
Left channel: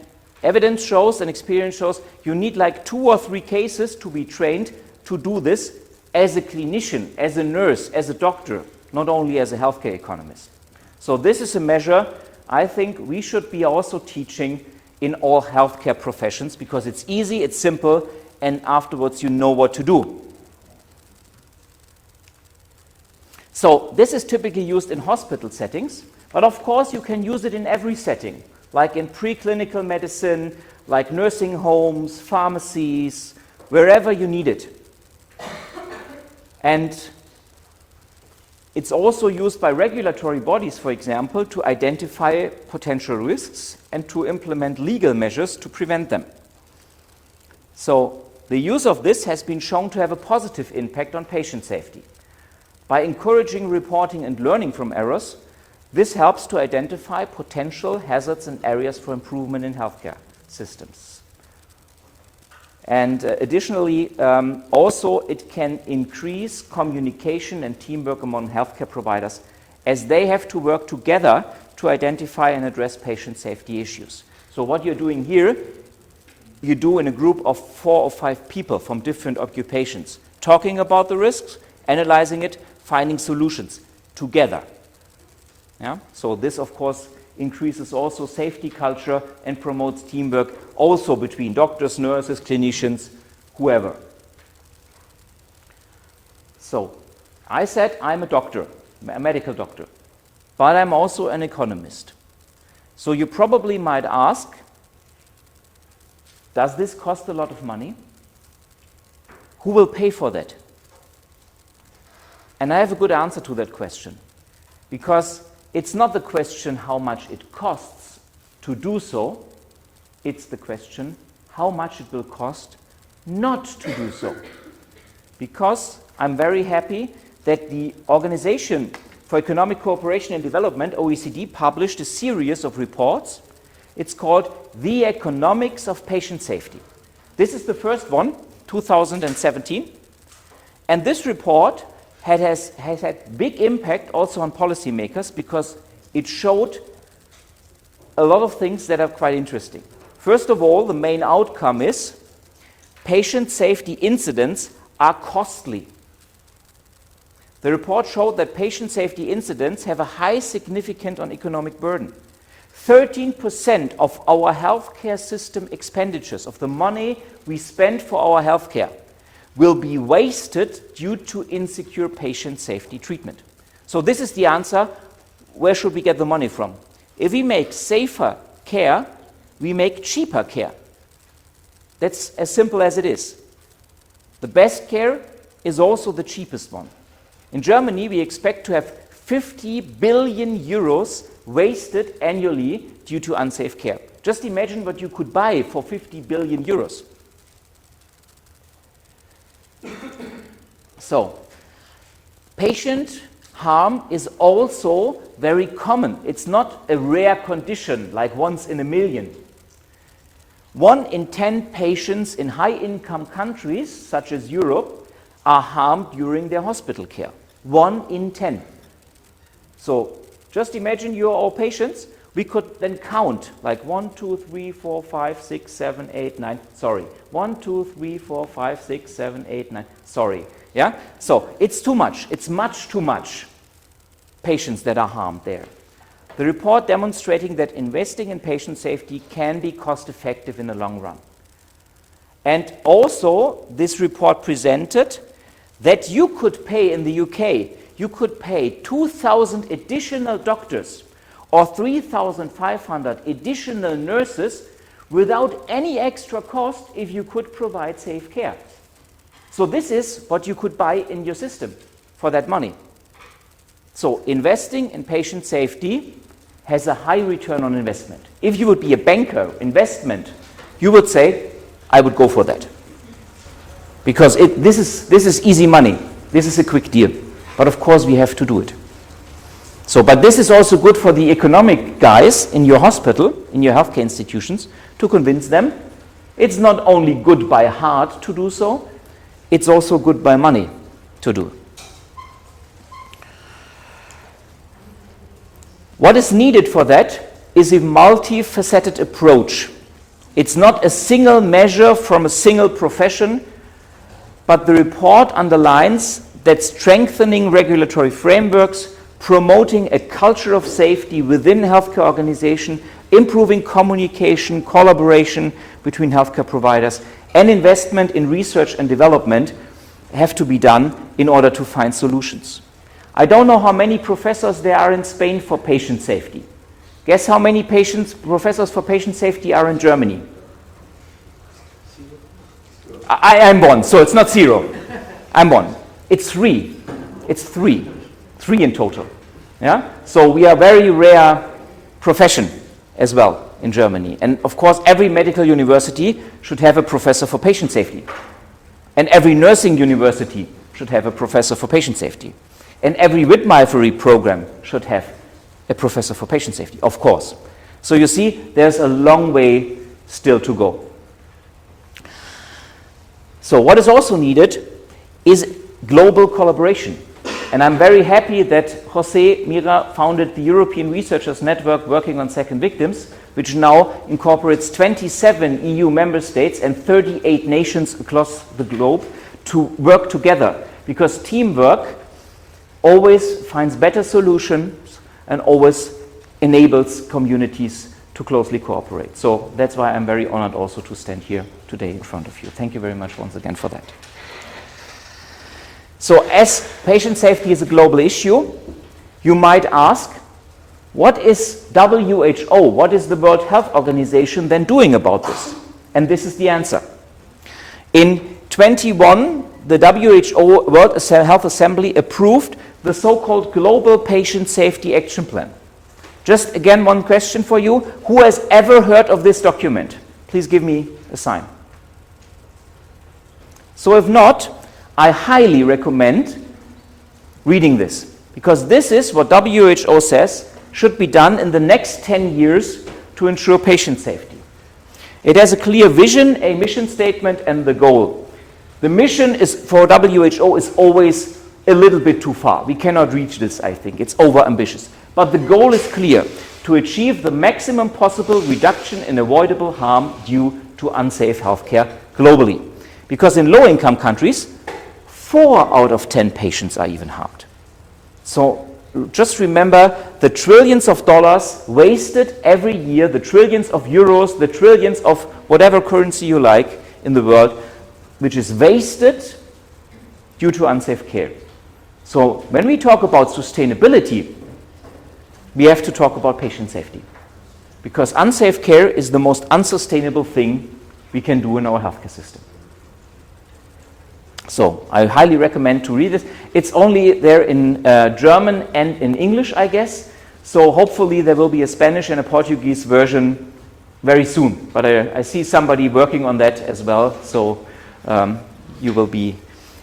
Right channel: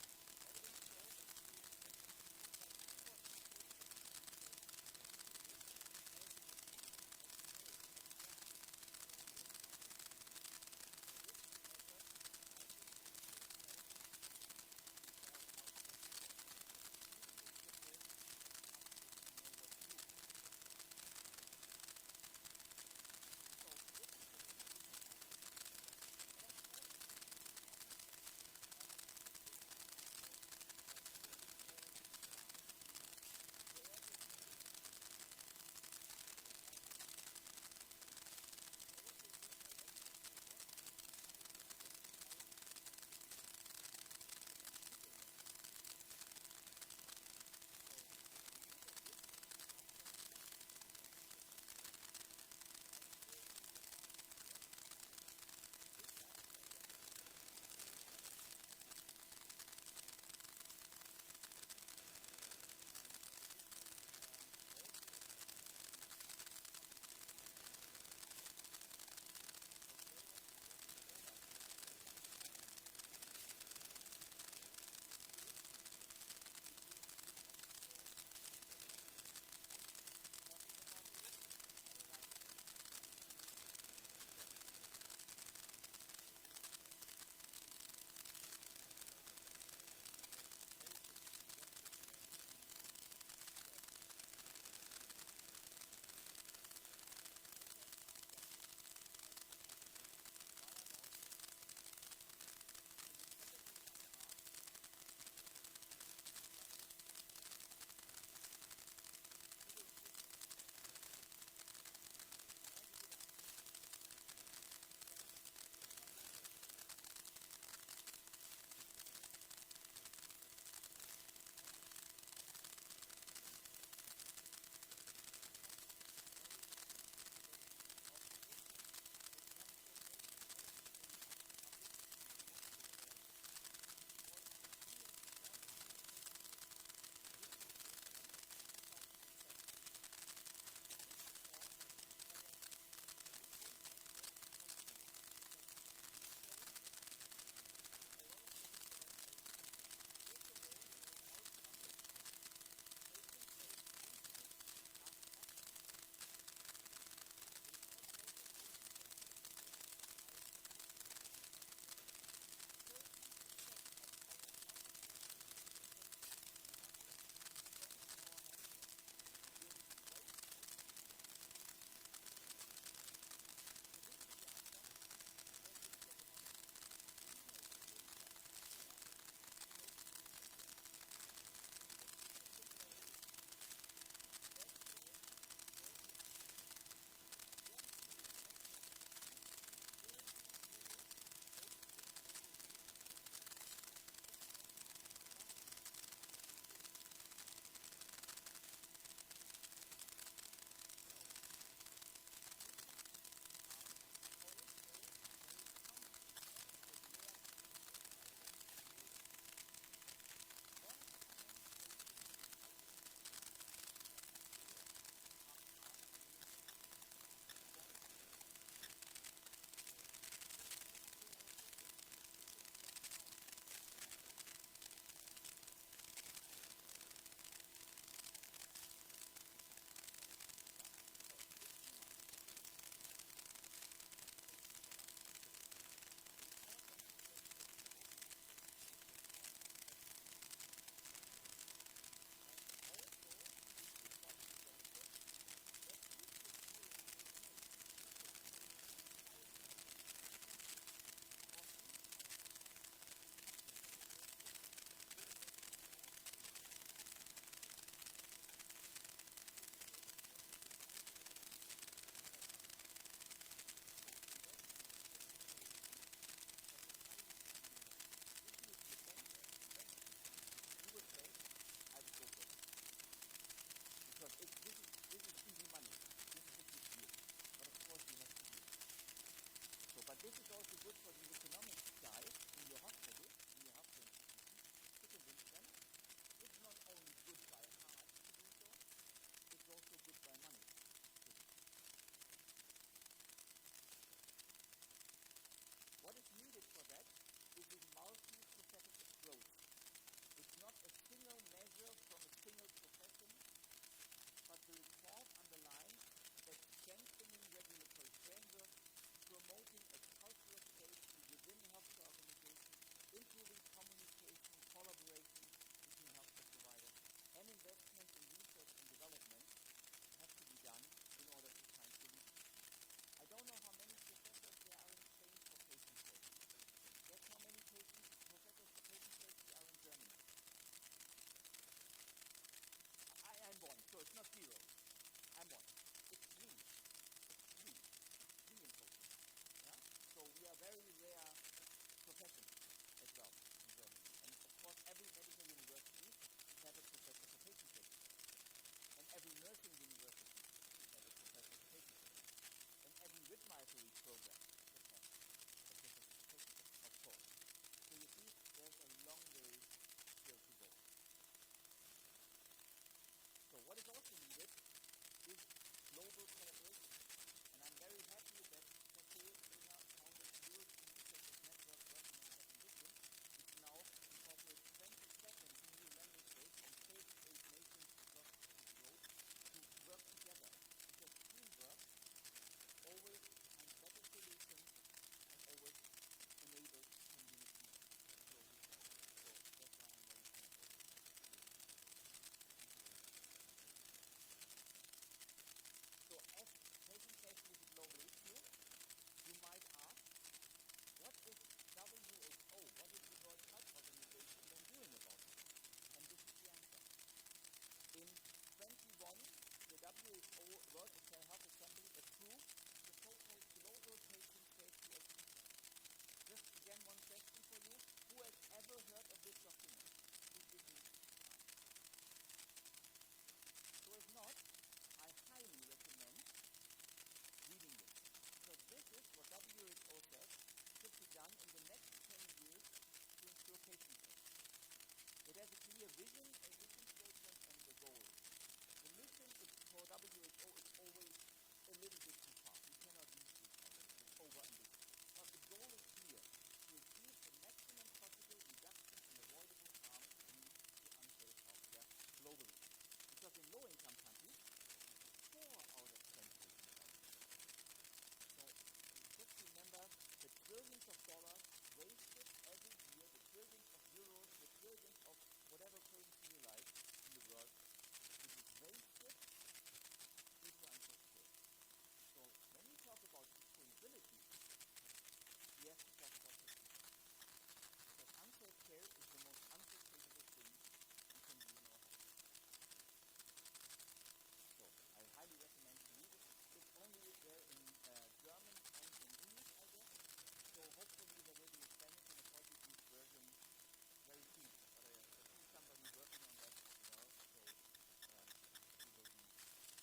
evidence shows and experience shows you need like 2 or 3 cases to be trained to do this as a clinician, as a nurse, as a doctor, not only as a healthcare economist. So this is a measure I think we should be also teaching in all healthcare professions, because it's easy, it's simple, and afterwards you know what to do. So this is typically used in hospital settings, but of course you can use it in every setting, like in preclinical medicine, like nursing homes, pharmacies, wherever you need it. And it's also used by regulatory bodies, for example, to identify potential risks and to implement legal measures to prevent them. So the use of this has been shown to have a positive impact on patient safety. By encouraging reporting and learning from errors, this helps to identify potential hazards and areas for improvement in healthcare systems. And additionally, also it can increase communication and teamwork among healthcare providers, as they have to work together to identify and address patient safety issues. So what you're doing here, you do in a group of 4 or 5 people from different occupations, talking about the risks, analyzing it, finding solutions together. Yeah? So this, of course, increases also safety culture and promotes teamwork also between doctors, nurses, clinicians, whoever. So, I said I'm a doctor, a medical doctor, but I'm also an economist. So you probably might ask, does this cost a lot of money? Who will pay for that? And I have a good answer to that question, because it's not the question how much it costs to do so, it's the question how much it will cost not to do so. Because I'm very happy that the Organization for Economic Cooperation and Development, OECD, published a series of reports. It's called The Economics of Patient Safety. This is the first one, 2017. And this report has had big impact also on policymakers, because it showed a lot of things that are quite interesting. First of all, the main outcome is patient safety incidents are costly. The report showed that patient safety incidents have a high significance on economic burden. 13% of our healthcare system expenditures, of the money we spend for our healthcare, will be wasted due to insecure patient safety treatment. So this is the answer. Where should we get the money from? If we make safer care, we make cheaper care. That's as simple as it is. The best care is also the cheapest one. In Germany, we expect to have 50 billion euros wasted annually due to unsafe care. Just imagine what you could buy for 50 billion euros. So, patient harm is also very common. It's not a rare condition, like once in a million. 1 in 10 patients in high-income countries, such as Europe, are harmed during their hospital care. 1 in 10. So, just imagine you're all patients. We could then count, like 1, 2, 3, 4, 5, 6, 7, 8, 9, sorry. 1, 2, 3, 4, 5, 6, 7, 8, 9, sorry. Yeah? So, it's too much. It's much too much patients that are harmed there. The report demonstrating that investing in patient safety can be cost-effective in the long run. And also, this report presented that you could pay in the UK, you could pay 2,000 additional doctors or 3,500 additional nurses without any extra cost if you could provide safe care. So this is what you could buy in your system for that money. So investing in patient safety has a high return on investment. If you would be a banker, investment, you would say, I would go for that. Because this is easy money. This is a quick deal. But of course we have to do it. So, but this is also good for the economic guys in your hospital, in your healthcare institutions, to convince them it's not only good by heart to do so, it's also good by money to do. What is needed for that is a multifaceted approach. It's not a single measure from a single profession, but the report underlines that strengthening regulatory frameworks, promoting a culture of safety within healthcare organizations, improving communication, collaboration between healthcare providers, and investment in research and development have to be done in order to find solutions. I don't know how many professors there are in Spain for patient safety. Guess how many professors for patient safety are in Germany? I'm one, so it's not 0. I'm one. It's 3. It's 3. 3 in total. Yeah? So we are a very rare profession as well in Germany. And of course, every medical university should have a professor for patient safety. And every nursing university should have a professor for patient safety. And every midwifery program should have a professor for patient safety, of course. So you see, there's a long way still to go. So what is also needed is global collaboration. And I'm very happy that Jose Mira founded the European Researchers Network working on second victims, which now incorporates 27 EU member states and 38 nations across the globe to work together. Because teamwork always finds better solutions and always enables communities to closely cooperate. So that's why I'm very honored also to stand here today in front of you. Thank you very much once again for that. So as patient safety is a global issue, you might ask, what is WHO, what is the World Health Organization then doing about this? And this is the answer. In 21 the WHO World Health Assembly approved the so-called Global Patient Safety Action Plan. Just again, one question for you. Who has ever heard of this document? Please give me a sign. So if not, I highly recommend reading this, because this is what WHO says should be done in the next 10 years to ensure patient safety. It has a clear vision, a mission statement, and the goal. The mission is for WHO is always a little bit too far. We cannot reach this, I think. It's overambitious. But the goal is clear, to achieve the maximum possible reduction in avoidable harm due to unsafe healthcare globally. Because in low-income countries, 4 out of 10 patients are even harmed. So just remember the trillions of dollars wasted every year, the trillions of euros, the trillions of whatever currency you like in the world, which is wasted due to unsafe care. So when we talk about sustainability, we have to talk about patient safety. Because unsafe care is the most unsustainable thing we can do in our healthcare system. So I highly recommend to read this. It's only there in German and in English, I guess. So hopefully there will be a Spanish and a Portuguese version very soon. But I see somebody working on that as well. So you will be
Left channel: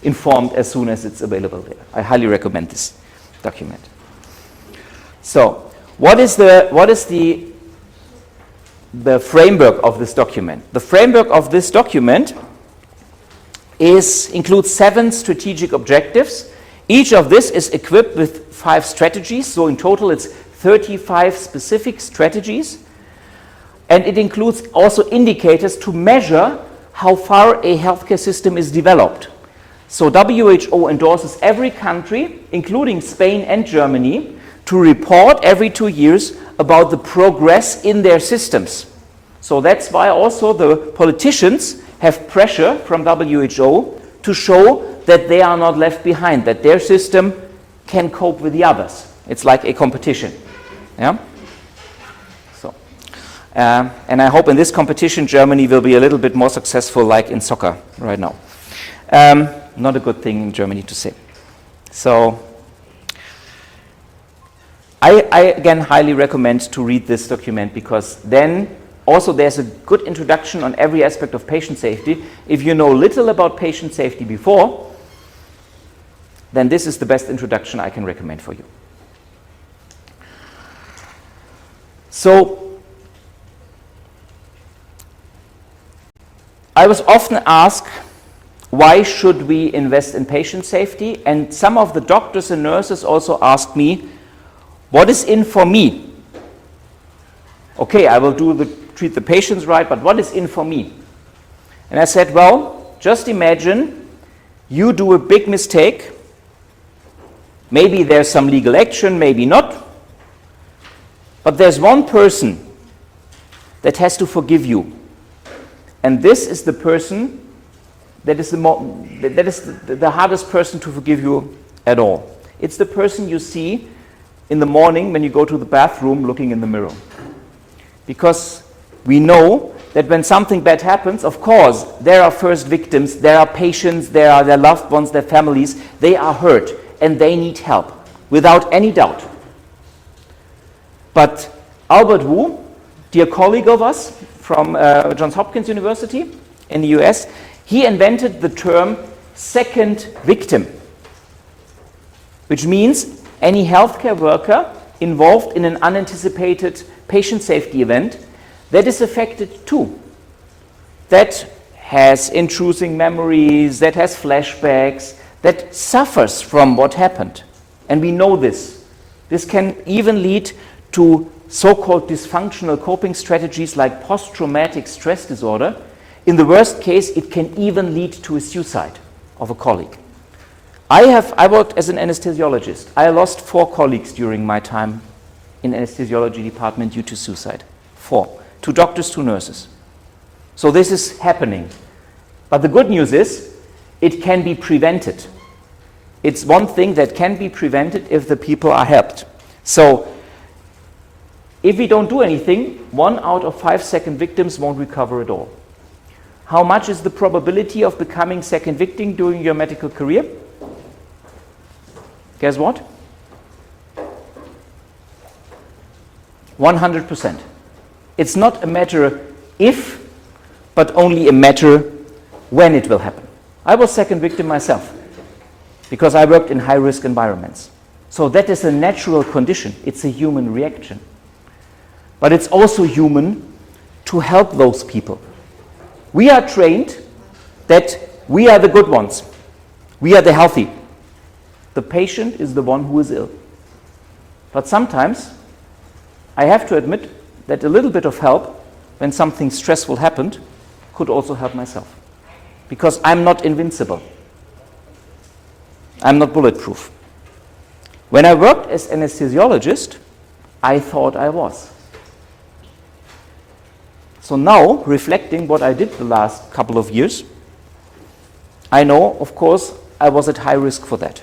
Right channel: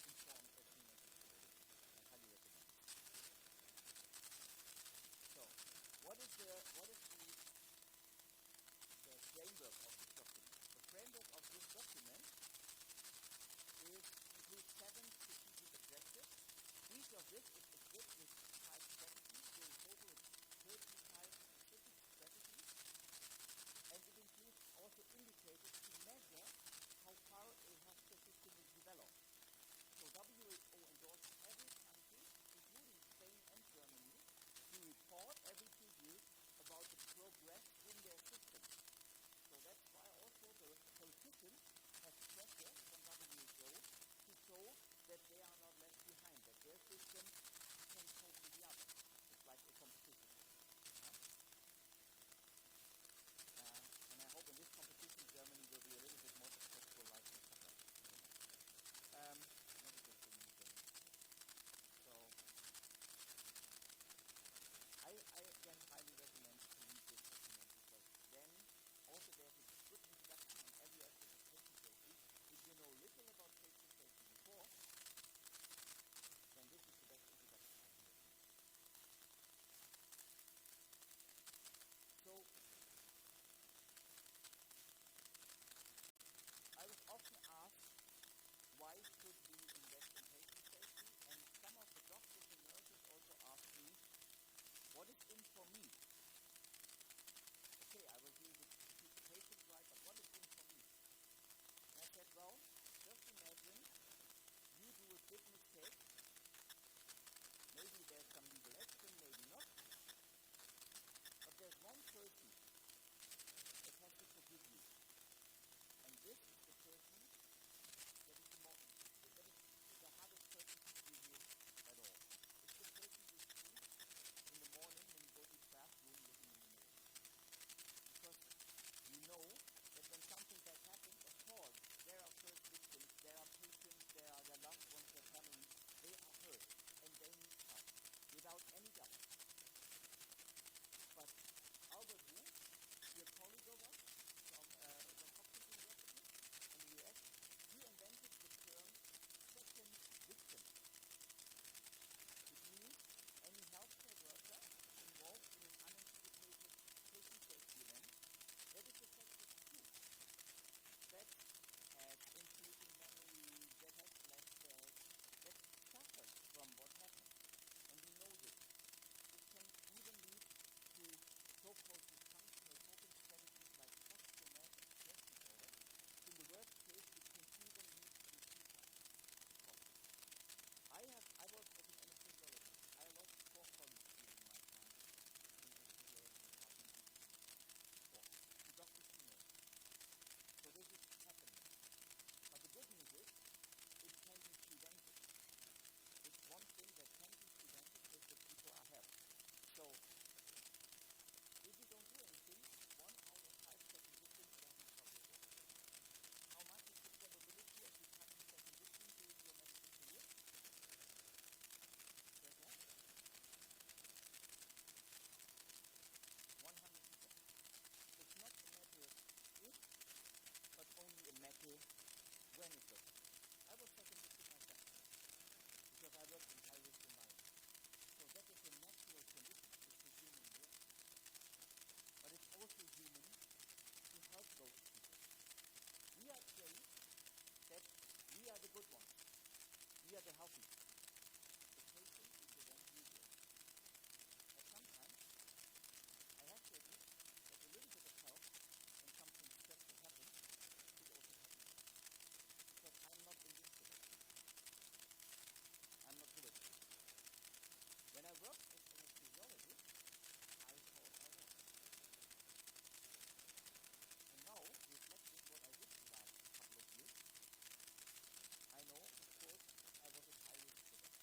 informed as soon as it's available there. I highly recommend this document. So what is the framework of this document? The framework of this document includes 7 strategic objectives. Each of this is equipped with 5 strategies, so in total it's 35 specific strategies. And it includes also indicators to measure how far a healthcare system is developed. So WHO endorses every country, including Spain and Germany, to report every 2 years about the progress in their systems. So that's why also the politicians have pressure from WHO to show that they are not left behind, that their system can cope with the others. It's like a competition. Yeah? So, and I hope in this competition Germany will be a little bit more successful like in soccer right now. Not a good thing in Germany to say. So I again highly recommend to read this document, because then also there's a good introduction on every aspect of patient safety. If you know little about patient safety before, then this is the best introduction I can recommend for you. So I was often asked, why should we invest in patient safety? And some of the doctors and nurses also asked me, what is in for me? Okay, I will treat the patients right, but what is in for me? And I said, well, just imagine you do a big mistake. Maybe there's some legal action, maybe not. But there's one person that has to forgive you. And this is the person that is the hardest person to forgive you at all. It's the person you see in the morning when you go to the bathroom looking in the mirror. Because we know that when something bad happens, of course, there are first victims, there are patients, there are their loved ones, their families, they are hurt and they need help, without any doubt. But Albert Wu, dear colleague of us from Johns Hopkins University in the US, he invented the term second victim, which means any healthcare worker involved in an unanticipated patient safety event that is affected too, that has intruding memories, that has flashbacks, that suffers from what happened. And we know this. This can even lead to so-called dysfunctional coping strategies like post-traumatic stress disorder. In the worst case, it can even lead to a suicide of a colleague. I worked as an anesthesiologist. I lost 4 colleagues during my time in anesthesiology department due to suicide. 4. 2 doctors, 2 nurses. So this is happening. But the good news is, it can be prevented. It's one thing that can be prevented if the people are helped. So if we don't do anything, 1 out of 5 second victims won't recover at all. How much is the probability of becoming second victim during your medical career? Guess what? 100%. It's not a matter if, but only a matter when it will happen. I was second victim myself because I worked in high-risk environments. So that is a natural condition. It's a human reaction. But it's also human to help those people. We are trained that we are the good ones. We are the healthy. The patient is the one who is ill. But sometimes I have to admit that a little bit of help when something stressful happened could also help myself. Because I'm not invincible. I'm not bulletproof. When I worked as anesthesiologist, I thought I was. So now, reflecting what I did the last couple of years, I know, of course, I was at high risk for that.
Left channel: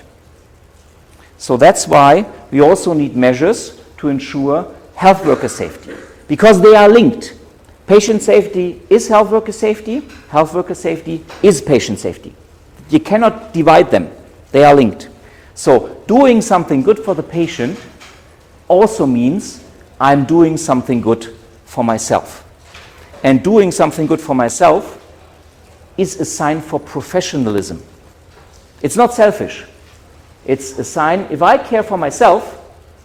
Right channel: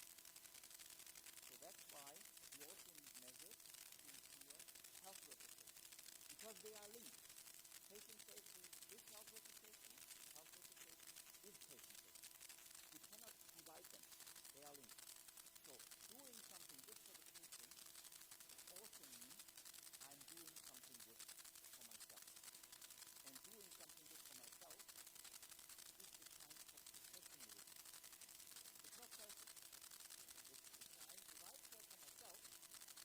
So that's why we also need measures to ensure health worker safety, because they are linked. Patient safety is health worker safety is patient safety. You cannot divide them, they are linked. So doing something good for the patient also means I'm doing something good for myself. And doing something good for myself is a sign for professionalism. It's not selfish. It's a sign, if I care for myself,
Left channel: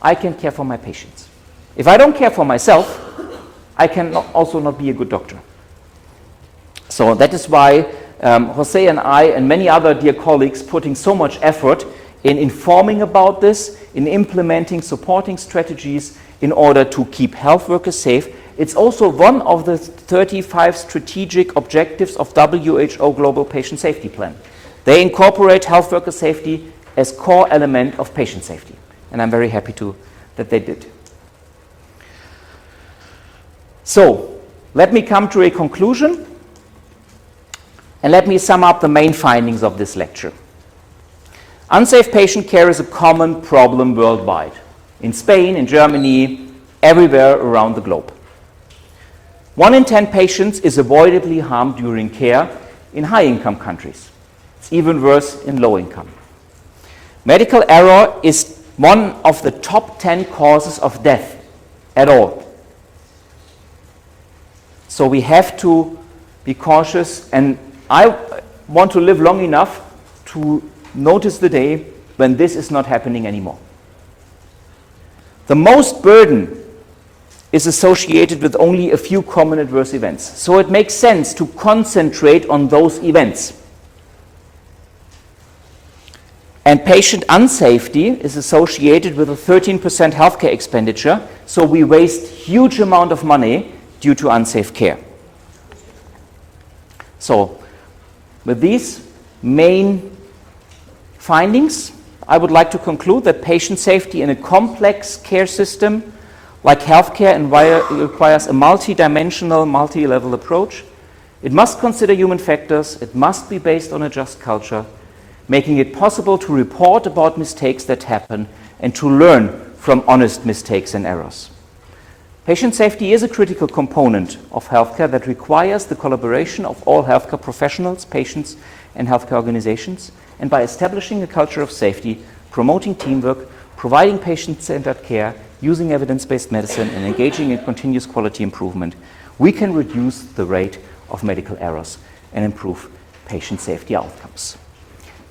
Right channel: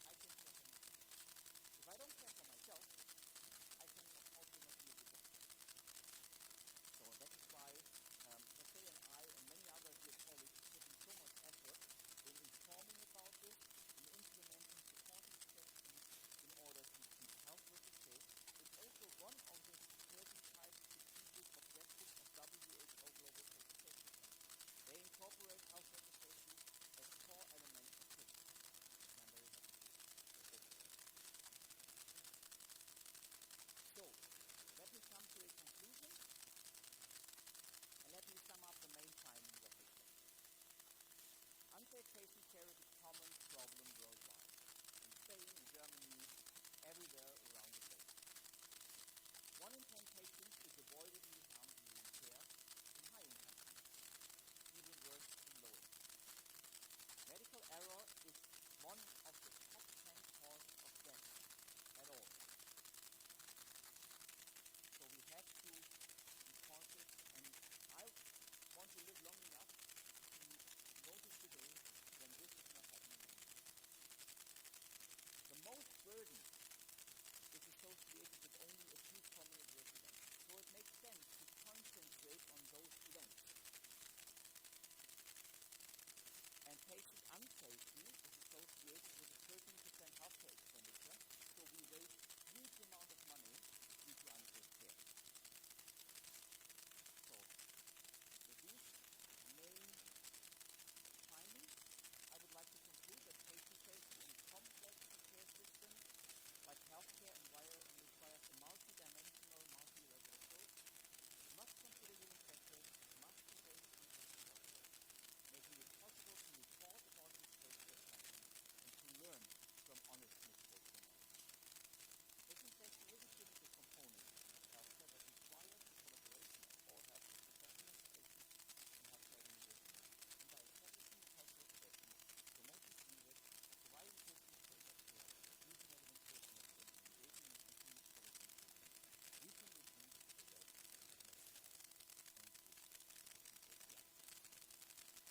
I can care for my patients. If I don't care for myself, I can also not be a good doctor. So that is why Jose and I and many other dear colleagues putting so much effort in informing about this, in implementing supporting strategies in order to keep health workers safe. It's also one of the 35 strategic objectives of WHO Global Patient Safety Plan. They incorporate health worker safety as core element of patient safety. And I'm very happy that they did. So, let me come to a conclusion and let me sum up the main findings of this lecture. Unsafe patient care is a common problem worldwide. In Spain, in Germany, everywhere around the globe. 1 in 10 patients is avoidably harmed during care in high-income countries. It's even worse in low-income. Medical error is one of the top 10 causes of death at all. So we have to be cautious, and I want to live long enough to notice the day when this is not happening anymore. The most burden is associated with only a few common adverse events. So it makes sense to concentrate on those events. And patient unsafety is associated with a 13% healthcare expenditure, so we waste huge amount of money due to unsafe care. So, with these main findings, I would like to conclude that patient safety in a complex care system like healthcare requires a multi-dimensional, multi-level approach. It must consider human factors, it must be based on a just culture, making it possible to report about mistakes that happen and to learn from honest mistakes and errors. Patient safety is a critical component of healthcare that requires the collaboration of all healthcare professionals, patients, and healthcare organizations. And by establishing a culture of safety, promoting teamwork, providing patient-centered care, using evidence-based medicine, and engaging in continuous quality improvement, we can reduce the rate of medical errors and improve patient safety outcomes.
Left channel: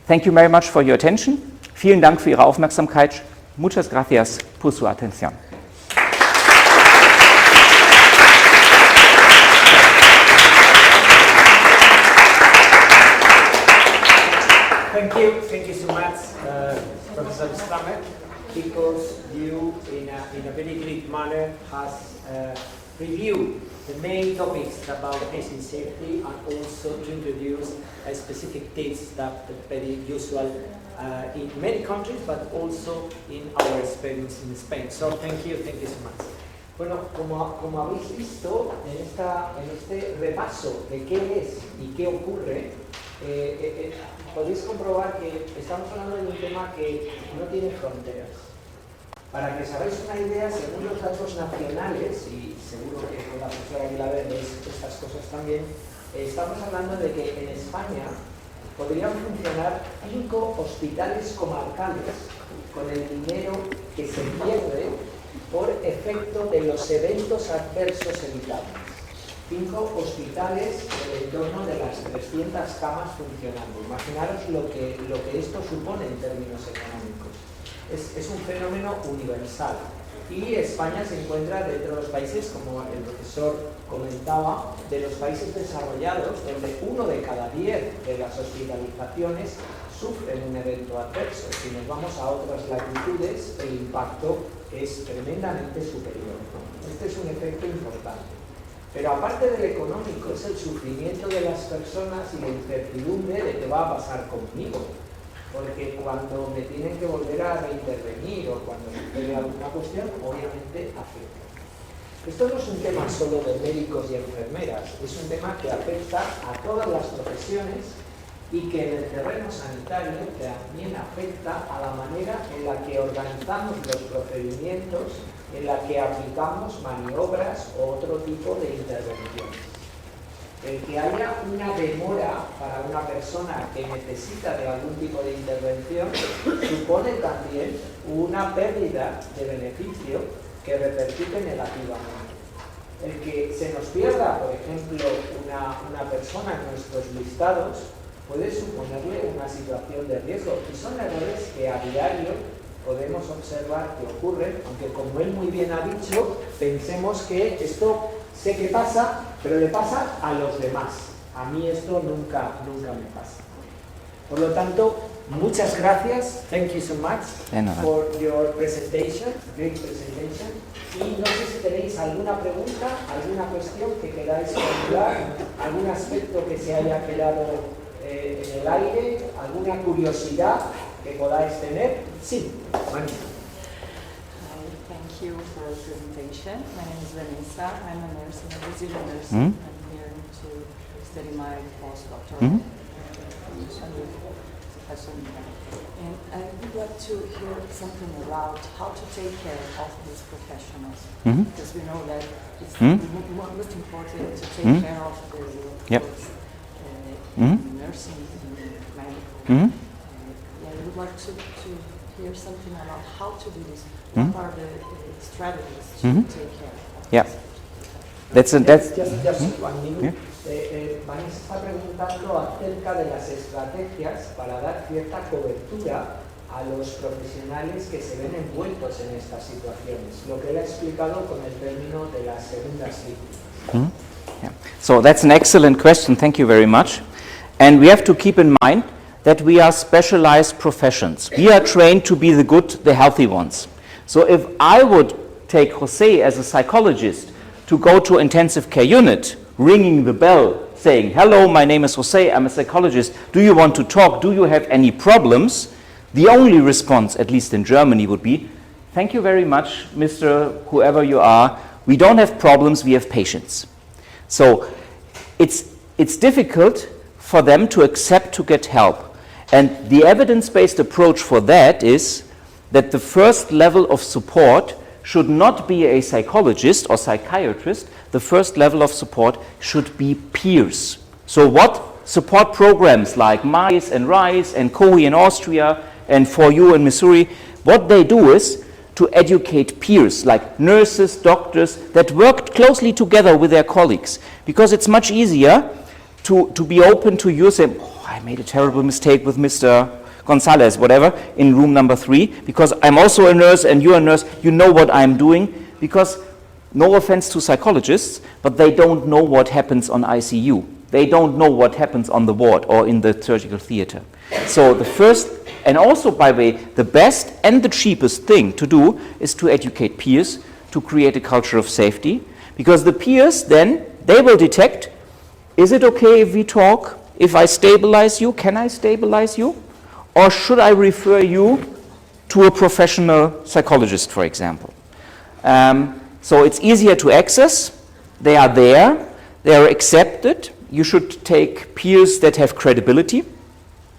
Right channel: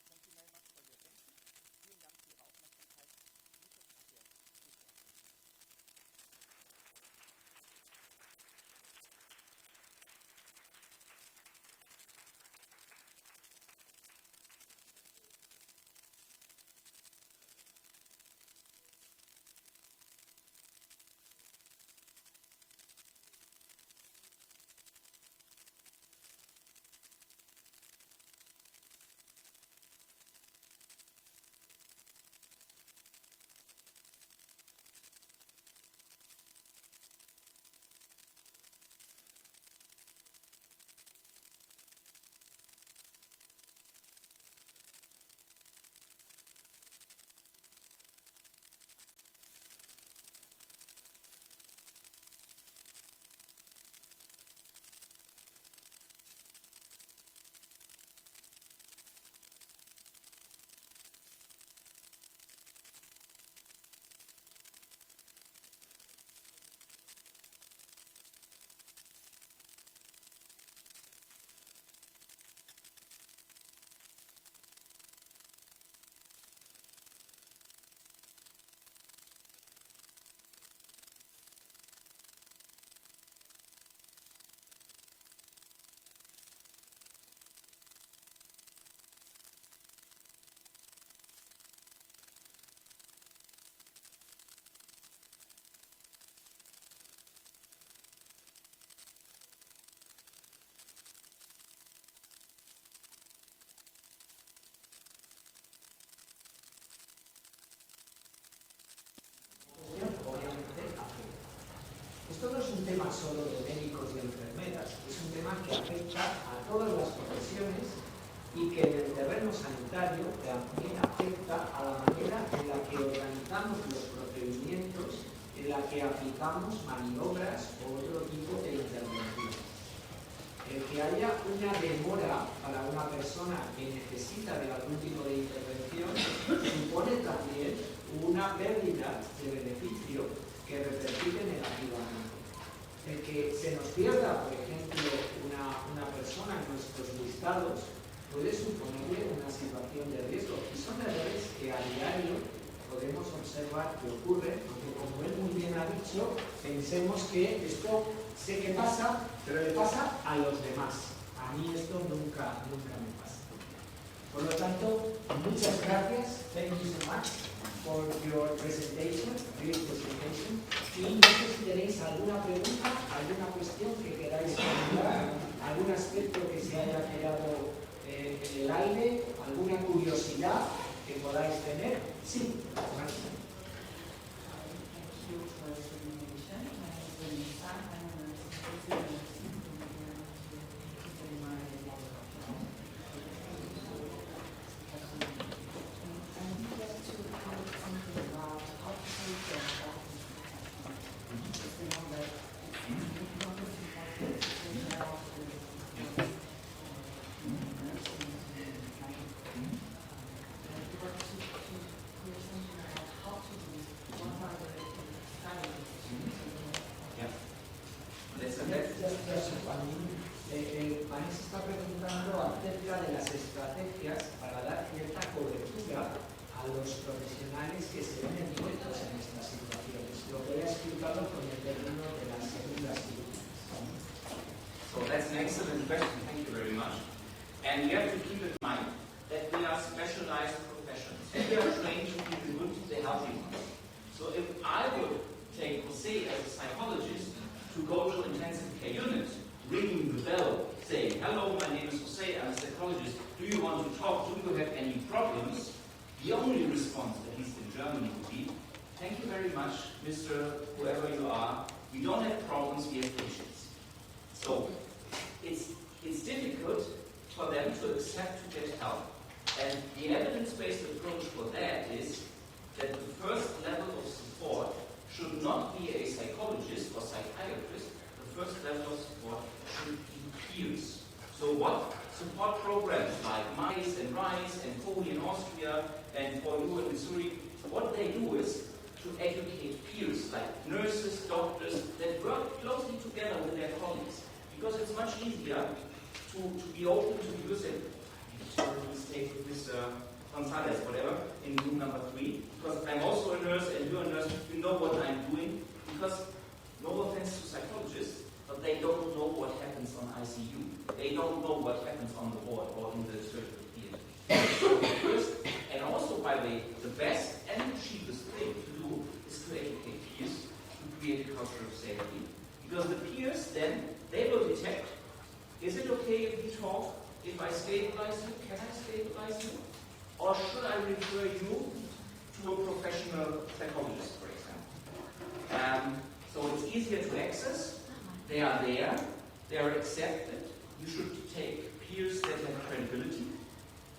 Thank you very much for your attention. Vielen Dank für Ihre Aufmerksamkeit. Muchas gracias por su atención. Thank you so much, Professor Strametz, because you, in a very great manner, has reviewed the main topics about patient safety and also introduced specific tips that are very usual in many countries, but also in our experience in Spain. So thank you so much. Bueno, como habéis visto en este repaso de qué es y qué ocurre, podéis comprobar que estamos hablando de un tema que no tiene fronteras. Para que os hagáis una idea, según los datos nacionales, y seguro que con la profesora Aguilar veis estas cosas también, Estamos hablando de que en España podrían funcionar 5 hospitales comarcales con el dinero que se pierde por efecto de los eventos adversos evitables. 5 hospitales en el entorno de las 300 camas funcionando. Imaginaros lo que esto supone en términos económicos. Es un fenómeno universal. Y España se encuentra dentro de los países, como el profesor comentaba, de los países desarrollados, donde 1 de cada 10 de las hospitalizaciones sufren un evento adverso. Si nos vamos a otras latitudes, el impacto es tremendamente superior, ¿no? Este es un efecto importante. Pero aparte del económico, es el sufrimiento de las personas y la incertidumbre de qué va a pasar conmigo. Porque cuando me tienen que volver a reintervenir o cuando sucede alguna cuestión, obviamente afecta. Esto no es un tema solo de médicos y enfermeras, es un tema que afecta a todas las profesiones y que en el terreno sanitario también afecta a la manera en la que organizamos los procedimientos, en la que aplicamos maniobras o otro tipo de intervenciones. El que haya una demora para una persona que necesita de algún tipo de intervención supone también una pérdida de beneficio que repercute negativamente. El que se nos pierda, por ejemplo, una persona en nuestros listados puede suponerle una situación de riesgo y son errores que a diario podemos observar que ocurren, aunque como él muy bien ha dicho, pensemos que esto sé que pasa, pero le pasa a los demás. A mí esto nunca me pasa. Por lo tanto, muchas gracias. Thank you so much for your presentation, great presentation. Y no sé si tenéis alguna pregunta, alguna cuestión que queráis formular, algún aspecto que se haya quedado en el aire, alguna curiosidad que podáis tener. Sí, bueno. Thank you for the presentation. My name is Vanessa. I'm a nurse in a Brazilian nursing. I'm here to study my postdoctoral. And I would like to hear something about how to take care of these professionals. Because we know that it's most important to take care of the nursing and medical. I would like to hear something about how to do this. What are the strategies to take care of? Yeah. That's just 1 minute. Vanessa está preguntando acerca de las estrategias para dar cierta cobertura a los profesionales que se ven envueltos en estas situaciones, lo que él ha explicado con el término de las segundas víctimas. Yeah. So that's an excellent question, thank you very much. And we have to keep in mind that we are specialized professions. We are trained to be the good, the healthy ones. So if I would take Jose as a psychologist to go to intensive care unit, ringing the bell, saying, hello, my name is Jose, I'm a psychologist, do you want to talk, do you have any problems? The only response, at least in Germany, would be, thank you very much, Mr. whoever you are, we don't have problems, we have patients. So it's difficult for them to accept to get help. And the evidence-based approach for that is that the first level of support should not be a psychologist or psychiatrist. The first level of support should be peers. So what support programs like MICE and RISE and COHI in Austria and For You in Missouri, what they do is to educate peers like nurses, doctors that work closely together with their colleagues, because it's much easier to be open to you, say, oh, I made a terrible mistake with Mr. Gonzalez, whatever, in room number 3, because I'm also a nurse and you're a nurse, you know what I'm doing, because no offense to psychologists, but they don't know what happens on ICU. They don't know what happens on the ward or in the surgical theater. So the first, and also by the way, the best and the cheapest thing to do is to educate peers, to create a culture of safety, because the peers then, they will detect, is it okay if we talk? If I stabilize you, can I stabilize you? Or should I refer you to a professional psychologist, for example? So it's easier to access, they are there, they are accepted. You should take peers that have credibility,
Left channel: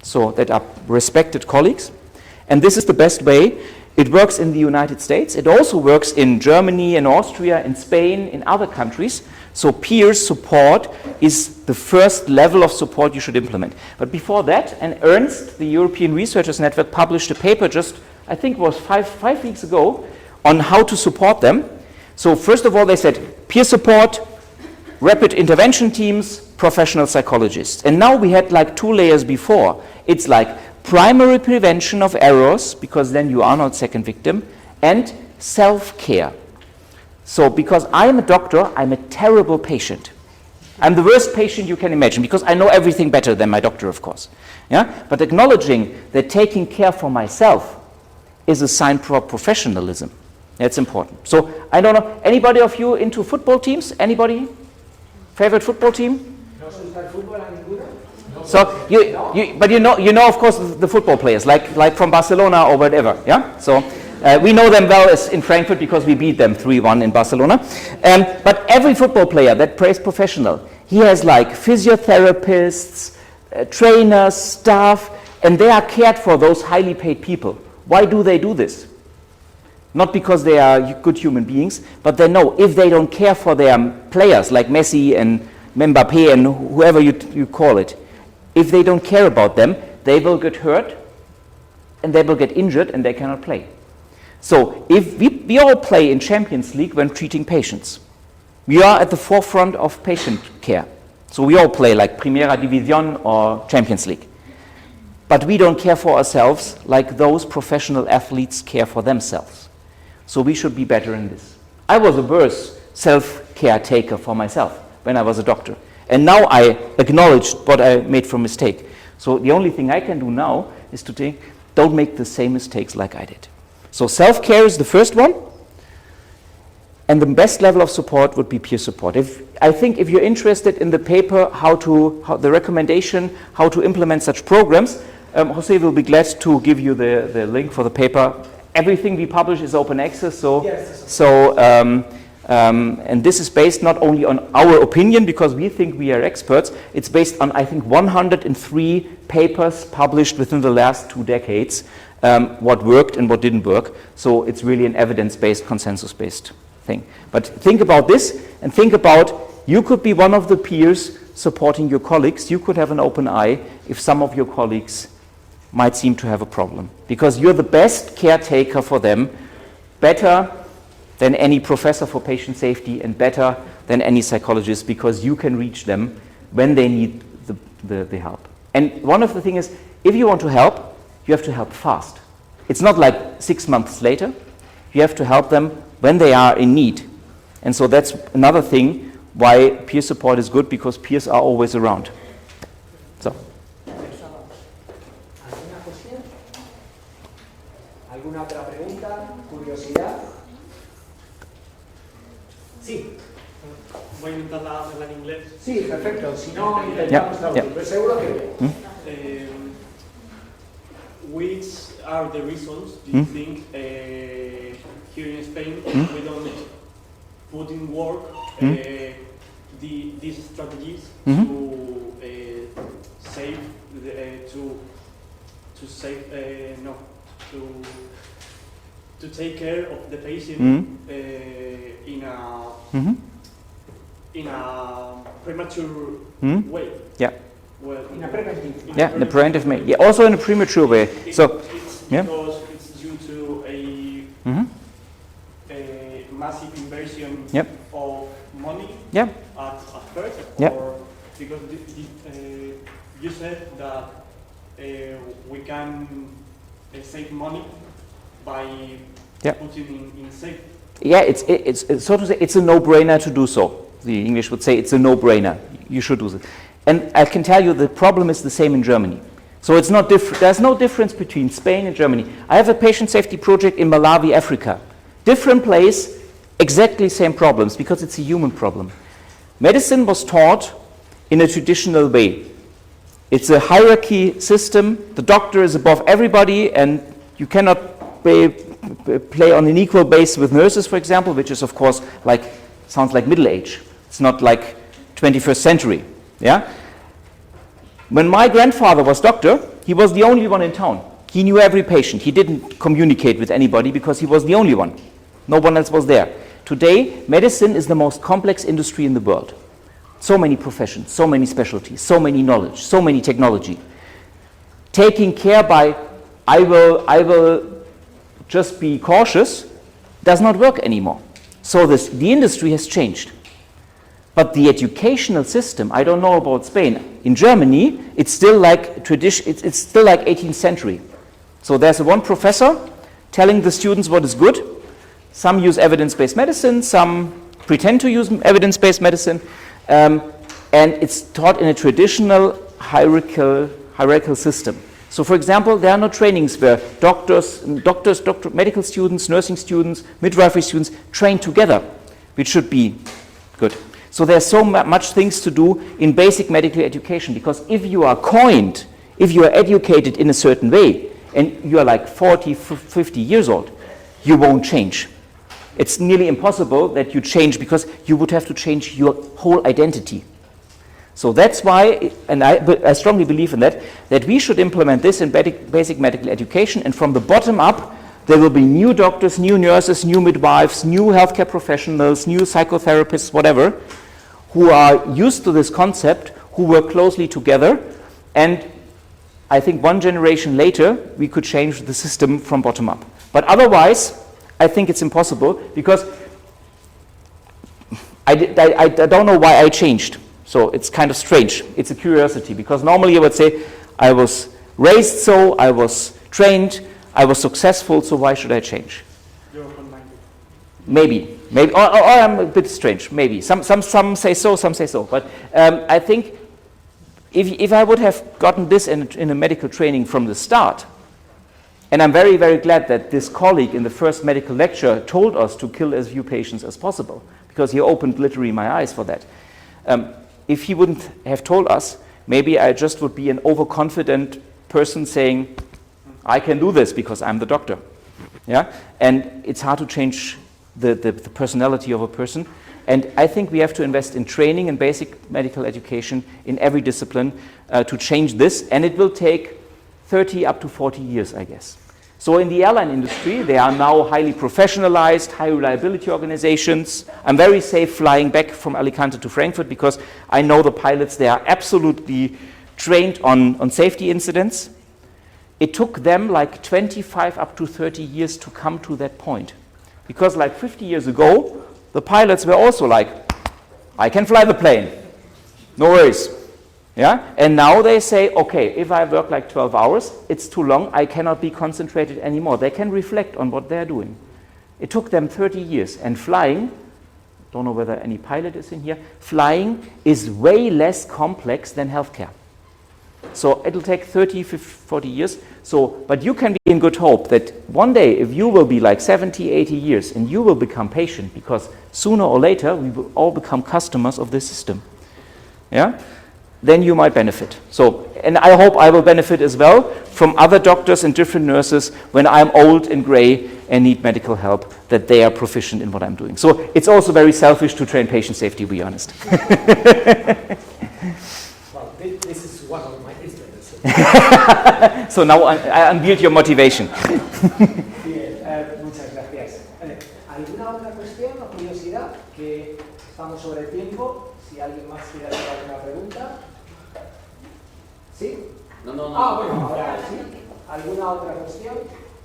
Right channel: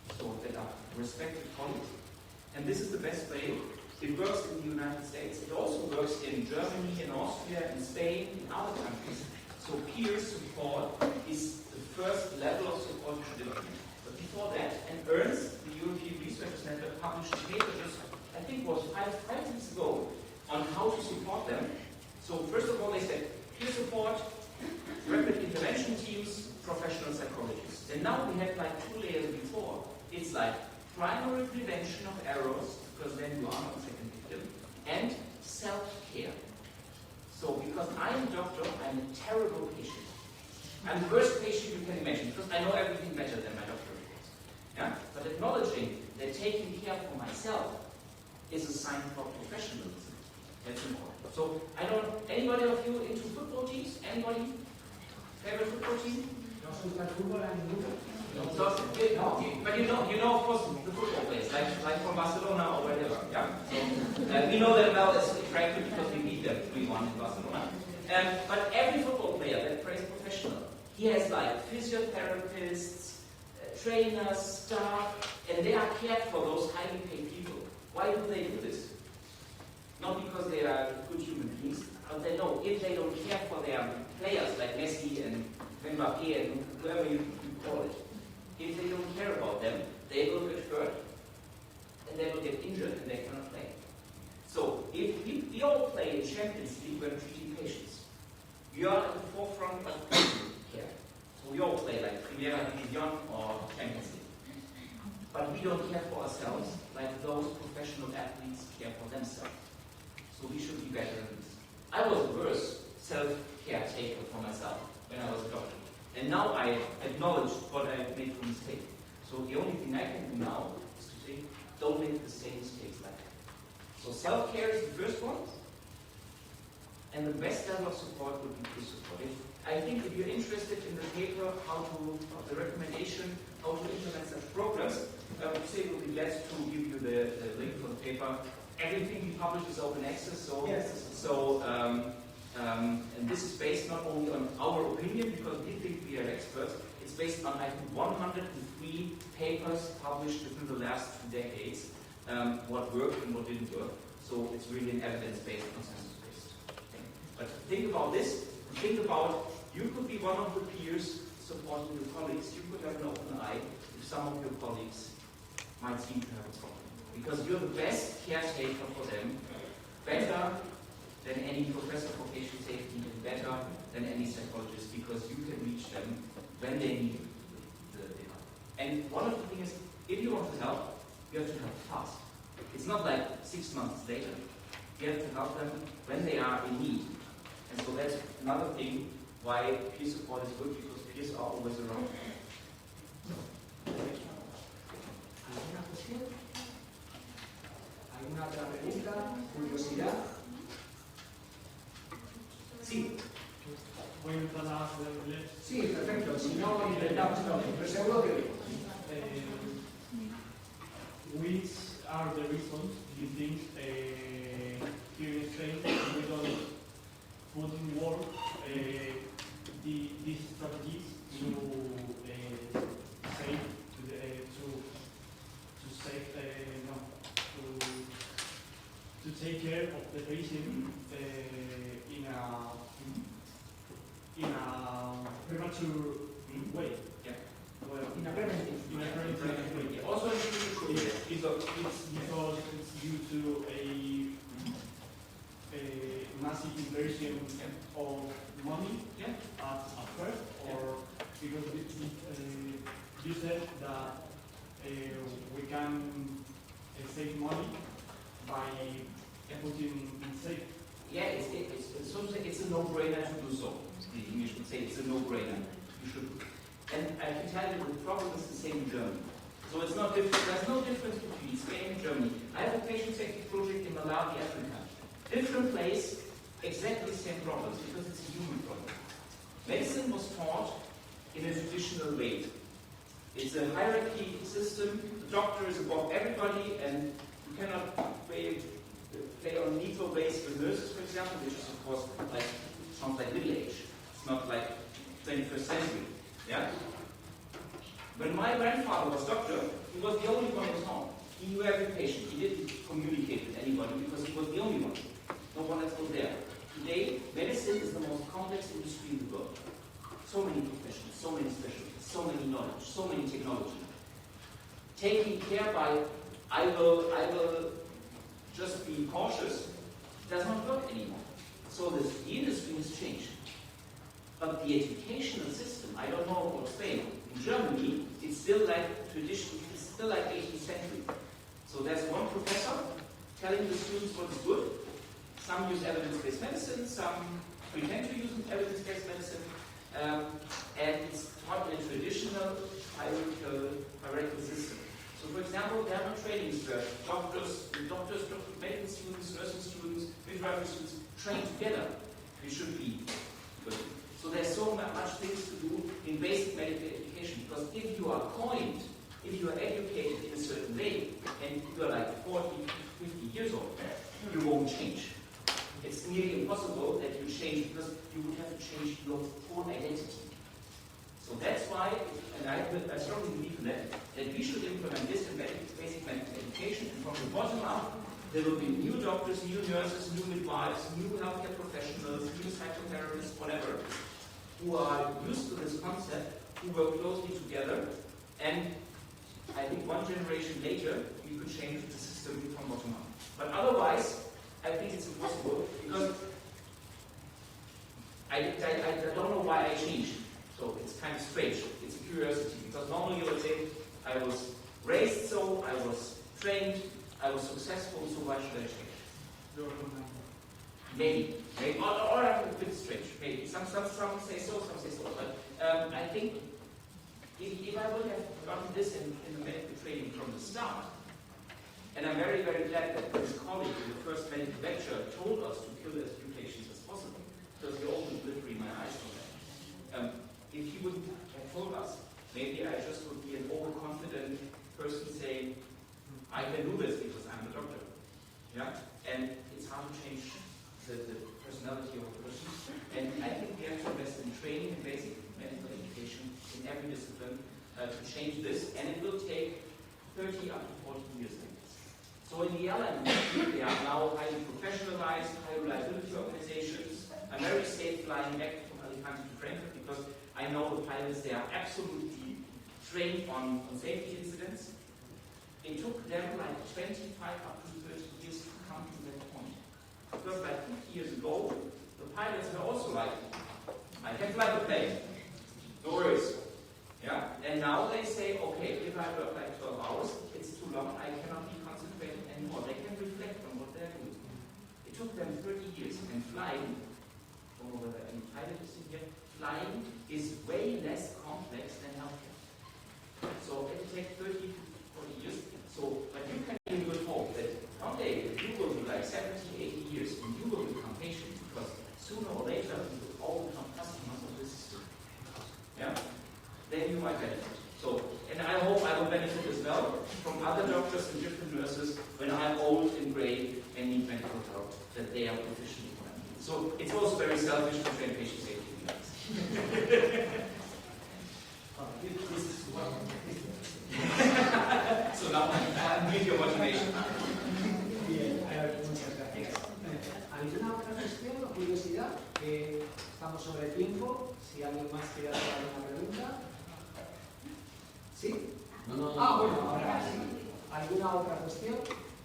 so that are respected colleagues. And this is the best way. It works in the United States. It also works in Germany, in Austria, in Spain, in other countries, So peer support is the first level of support you should implement. But before that, and ERNST, the European Researchers Network, published a paper just, I think it was five weeks ago, on how to support them. So first of all, they said peer support, rapid intervention teams, professional psychologists. And now we had like 2 layers before. It's like primary prevention of errors, because then you are not second victim, and self-care. So because I'm a doctor, I'm a terrible patient. I'm the worst patient you can imagine, because I know everything better than my doctor, of course. Yeah? But acknowledging that taking care for myself is a sign for professionalism. That's important. So I don't know, anybody of you into football teams? Anybody? Favorite football team? So but you know of course the football players, like from Barcelona or whatever, yeah. So we know them well as in Frankfurt because we beat them 3-1 in Barcelona. But every football player that plays professional, he has like physiotherapists, trainers, staff, and they are cared for, those highly paid people. Why do they do this? Not because they are good human beings, but they know if they don't care for their players like Messi and Mbappe and whoever you call it, if they don't care about them, they will get hurt and they will get injured and they cannot play. So if we all play in Champions League when treating patients. We are at the forefront of patient care. So we all play like Primera División or Champions League. But we don't care for ourselves like those professional athletes care for themselves. So we should be better in this. I was a worse self-care taker for myself when I was a doctor. And now I acknowledged what I made for mistake. So the only thing I can do now is to don't make the same mistakes like I did. So self-care is the first one. And the best level of support would be peer support. I think if you're interested in the paper, the recommendation, how to implement such programs, Jose will be glad to give you the link for the paper. Everything we publish is open access, so yes. And this is based not only on our opinion, because we think we are experts, it's based on, I think, 103 papers published within the last 2 decades, what worked and what didn't work. So it's really an evidence-based, consensus-based thing. But think about this, and think about, you could be one of the peers supporting your colleagues. You could have an open eye if some of your colleagues might seem to have a problem, because you're the best caretaker for them, better than any professor for patient safety and better than any psychologist, because you can reach them when they need the help. And one of the things is, if you want to help, you have to help fast. It's not like 6 months later. You have to help them when they are in need. And so that's another thing why peer support is good, because peers are always around. So. ¿Alguna otra pregunta? ¿Curiosidad? Sí. Voy a intentar hacerla en inglés. Sí, perfecto. Si no, intentamos traducir. Pero seguro que Which are the reasons do you think here in Spain we don't put in work these strategies to take care of the patient in a premature way? Yeah. Well, in a preventive. Yeah, in a preventive way. Yeah, also in a premature way. So, yeah. Because it's due to a massive inversion of money at first, or because you said that we can save money by putting in safe. Yeah, it's so to say, it's a no-brainer to do so. The English would say it's a no-brainer. You should do this. And I can tell you the problem is the same in Germany. So it's not different. There's no difference between Spain and Germany. I have a patient safety project in Malawi, Africa. Different place, exactly same problems, because it's a human problem. Medicine was taught in a traditional way. It's a hierarchy system. The doctor is above everybody, and you cannot play on an equal base with nurses, for example, which is, of course, sounds like Middle Age. It's not like 21st century. Yeah? When my grandfather was doctor, he was the only one in town. He knew every patient. He didn't communicate with anybody because he was the only one. No one else was there. Today, medicine is the most complex industry in the world. So many professions, so many specialties, so many knowledge, so many technology. Taking care by, I will just be cautious, does not work anymore. So the industry has changed. But the educational system, I don't know about Spain. In Germany, it's still like it's still like 18th century. So there's one professor telling the students what is good. Some use evidence-based medicine, some pretend to use evidence-based medicine, and it's taught in a traditional hierarchical system. So, for example, there are no trainings where medical students, nursing students, midwifery students train together, which should be good. So there's so much things to do in basic medical education, because if you are educated in a certain way, and you are like 40, 50 years old, you won't change. It's nearly impossible that you change, because you would have to change your whole identity. So that's why, and I strongly believe in that we should implement this in basic medical education, and from the bottom up, there will be new doctors, new nurses, new midwives, new healthcare professionals, new psychotherapists, whatever, who are used to this concept, who work closely together, and I think one generation later, we could change the system from bottom up. But otherwise, I think it's impossible, because I don't know why I changed. So it's kind of strange. It's a curiosity, because normally I would say, I was raised so, I was trained, I was successful, so why should I change? You're open-minded. Maybe, or I'm a bit strange, maybe. Some say so, some say so. But I think if I would have gotten this in a medical training from the start, and I'm very, very glad that this colleague in the first medical lecture told us to kill as few patients as possible, because he opened literally my eyes for that. If he wouldn't have told us, maybe I just would be an overconfident person saying, I can do this because I'm the doctor. Yeah? And it's hard to change the personality of a person. And I think we have to invest in training and basic medical education in every discipline to change this. And it will take 30 up to 40 years, I guess. So in the airline industry, they are now highly professionalized, high reliability organizations. I'm very safe flying back from Alicante to Frankfurt, because I know the pilots, they are absolutely trained on safety incidents. It took them like 25 up to 30 years to come to that point. Because like 50 years ago, the pilots were also like, I can fly the plane, no worries. Yeah? And now they say, okay, if I work like 12 hours, it's too long, I cannot be concentrated anymore. They can reflect on what they're doing. It took them 30 years. And flying, don't know whether any pilot is in here, flying is way less complex than healthcare. So it'll take 30, 50, 40 years. So, but you can be in good hope that one day, if you will be like 70, 80 years, and you will become patient, because sooner or later, we will all become customers of this system. Yeah? Then you might benefit. So, and I hope I will benefit as well from other doctors and different nurses when I'm old and gray and need medical help, that they are proficient in what I'm doing. So it's also very selfish to train patient safety, to be honest. Well, this is one of my instruments. So now I unveiled your motivation. Bien, muchas gracias. ¿Alguna otra cuestión o curiosidad? Que estamos sobre el tiempo. Si alguien más quiere hacer alguna pregunta. ¿Sí? No. Ah, bueno, ahora sí. ¿Alguna otra cuestión?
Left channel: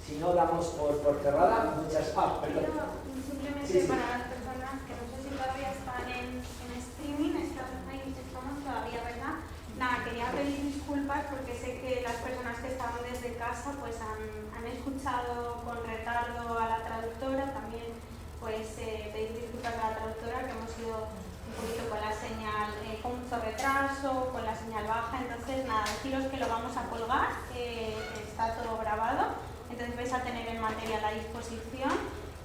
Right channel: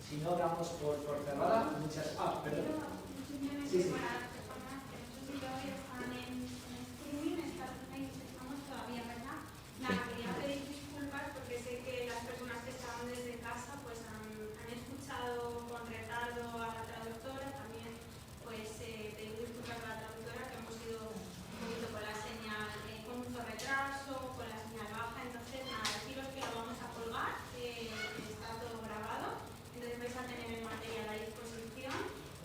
Si no, damos por cerrada. Muchas. Perdón. Simplemente Sí. para las personas que no sé si todavía están en streaming, estamos todavía, ¿verdad? Nada, quería pedir disculpas porque sé que las personas que estaban desde casa pues han escuchado con retardo a la traductora, también pues pedir disculpas a la traductora, que hemos ido un poquito con la señal, con mucho retraso, con la señal baja. Entonces nada, deciros que lo vamos a colgar, está todo grabado, entonces vais a tener el material a disposición.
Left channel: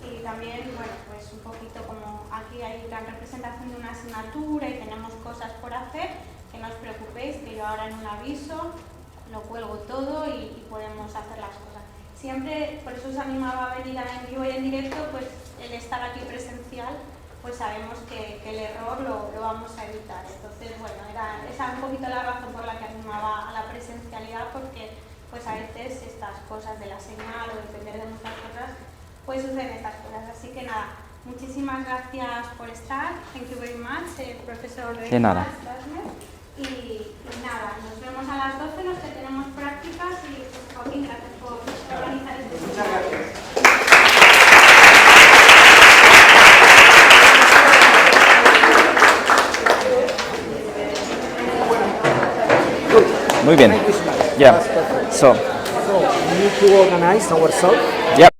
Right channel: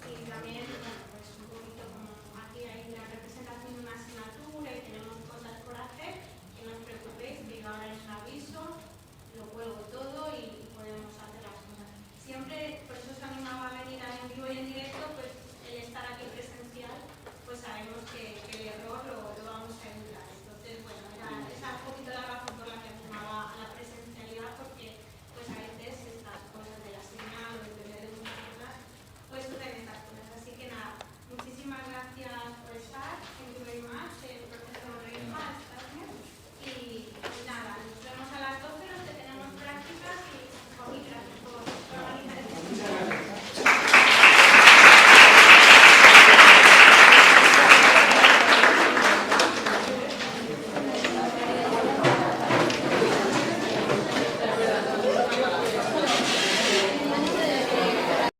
Y también, bueno, pues un poquito como aquí hay la representación de una asignatura y tenemos cosas por hacer, que no os preocupéis, que yo ahora en un aviso lo cuelgo todo y podemos hacer las cosas. Siempre, por eso os animaba a venir en vivo y en directo, pues el estar aquí presencial, pues sabemos que el error lo vamos a evitar. Entonces, bueno, esa un poquito la razón por la que animaba a la presencialidad, porque pues a veces estas cosas de la señal o de depender de muchas cosas, pues suceden estas cosas. Así que nada, Muchísimas gracias por estar. Thank you very much, profesor De nada. Reinhard Strametz. Y nada, nos vemos a las 12, los que tenemos prácticas y Joaquín, gracias por organizar este seminario. Muy bien. Yeah. So, We need to organize ourselves. yep.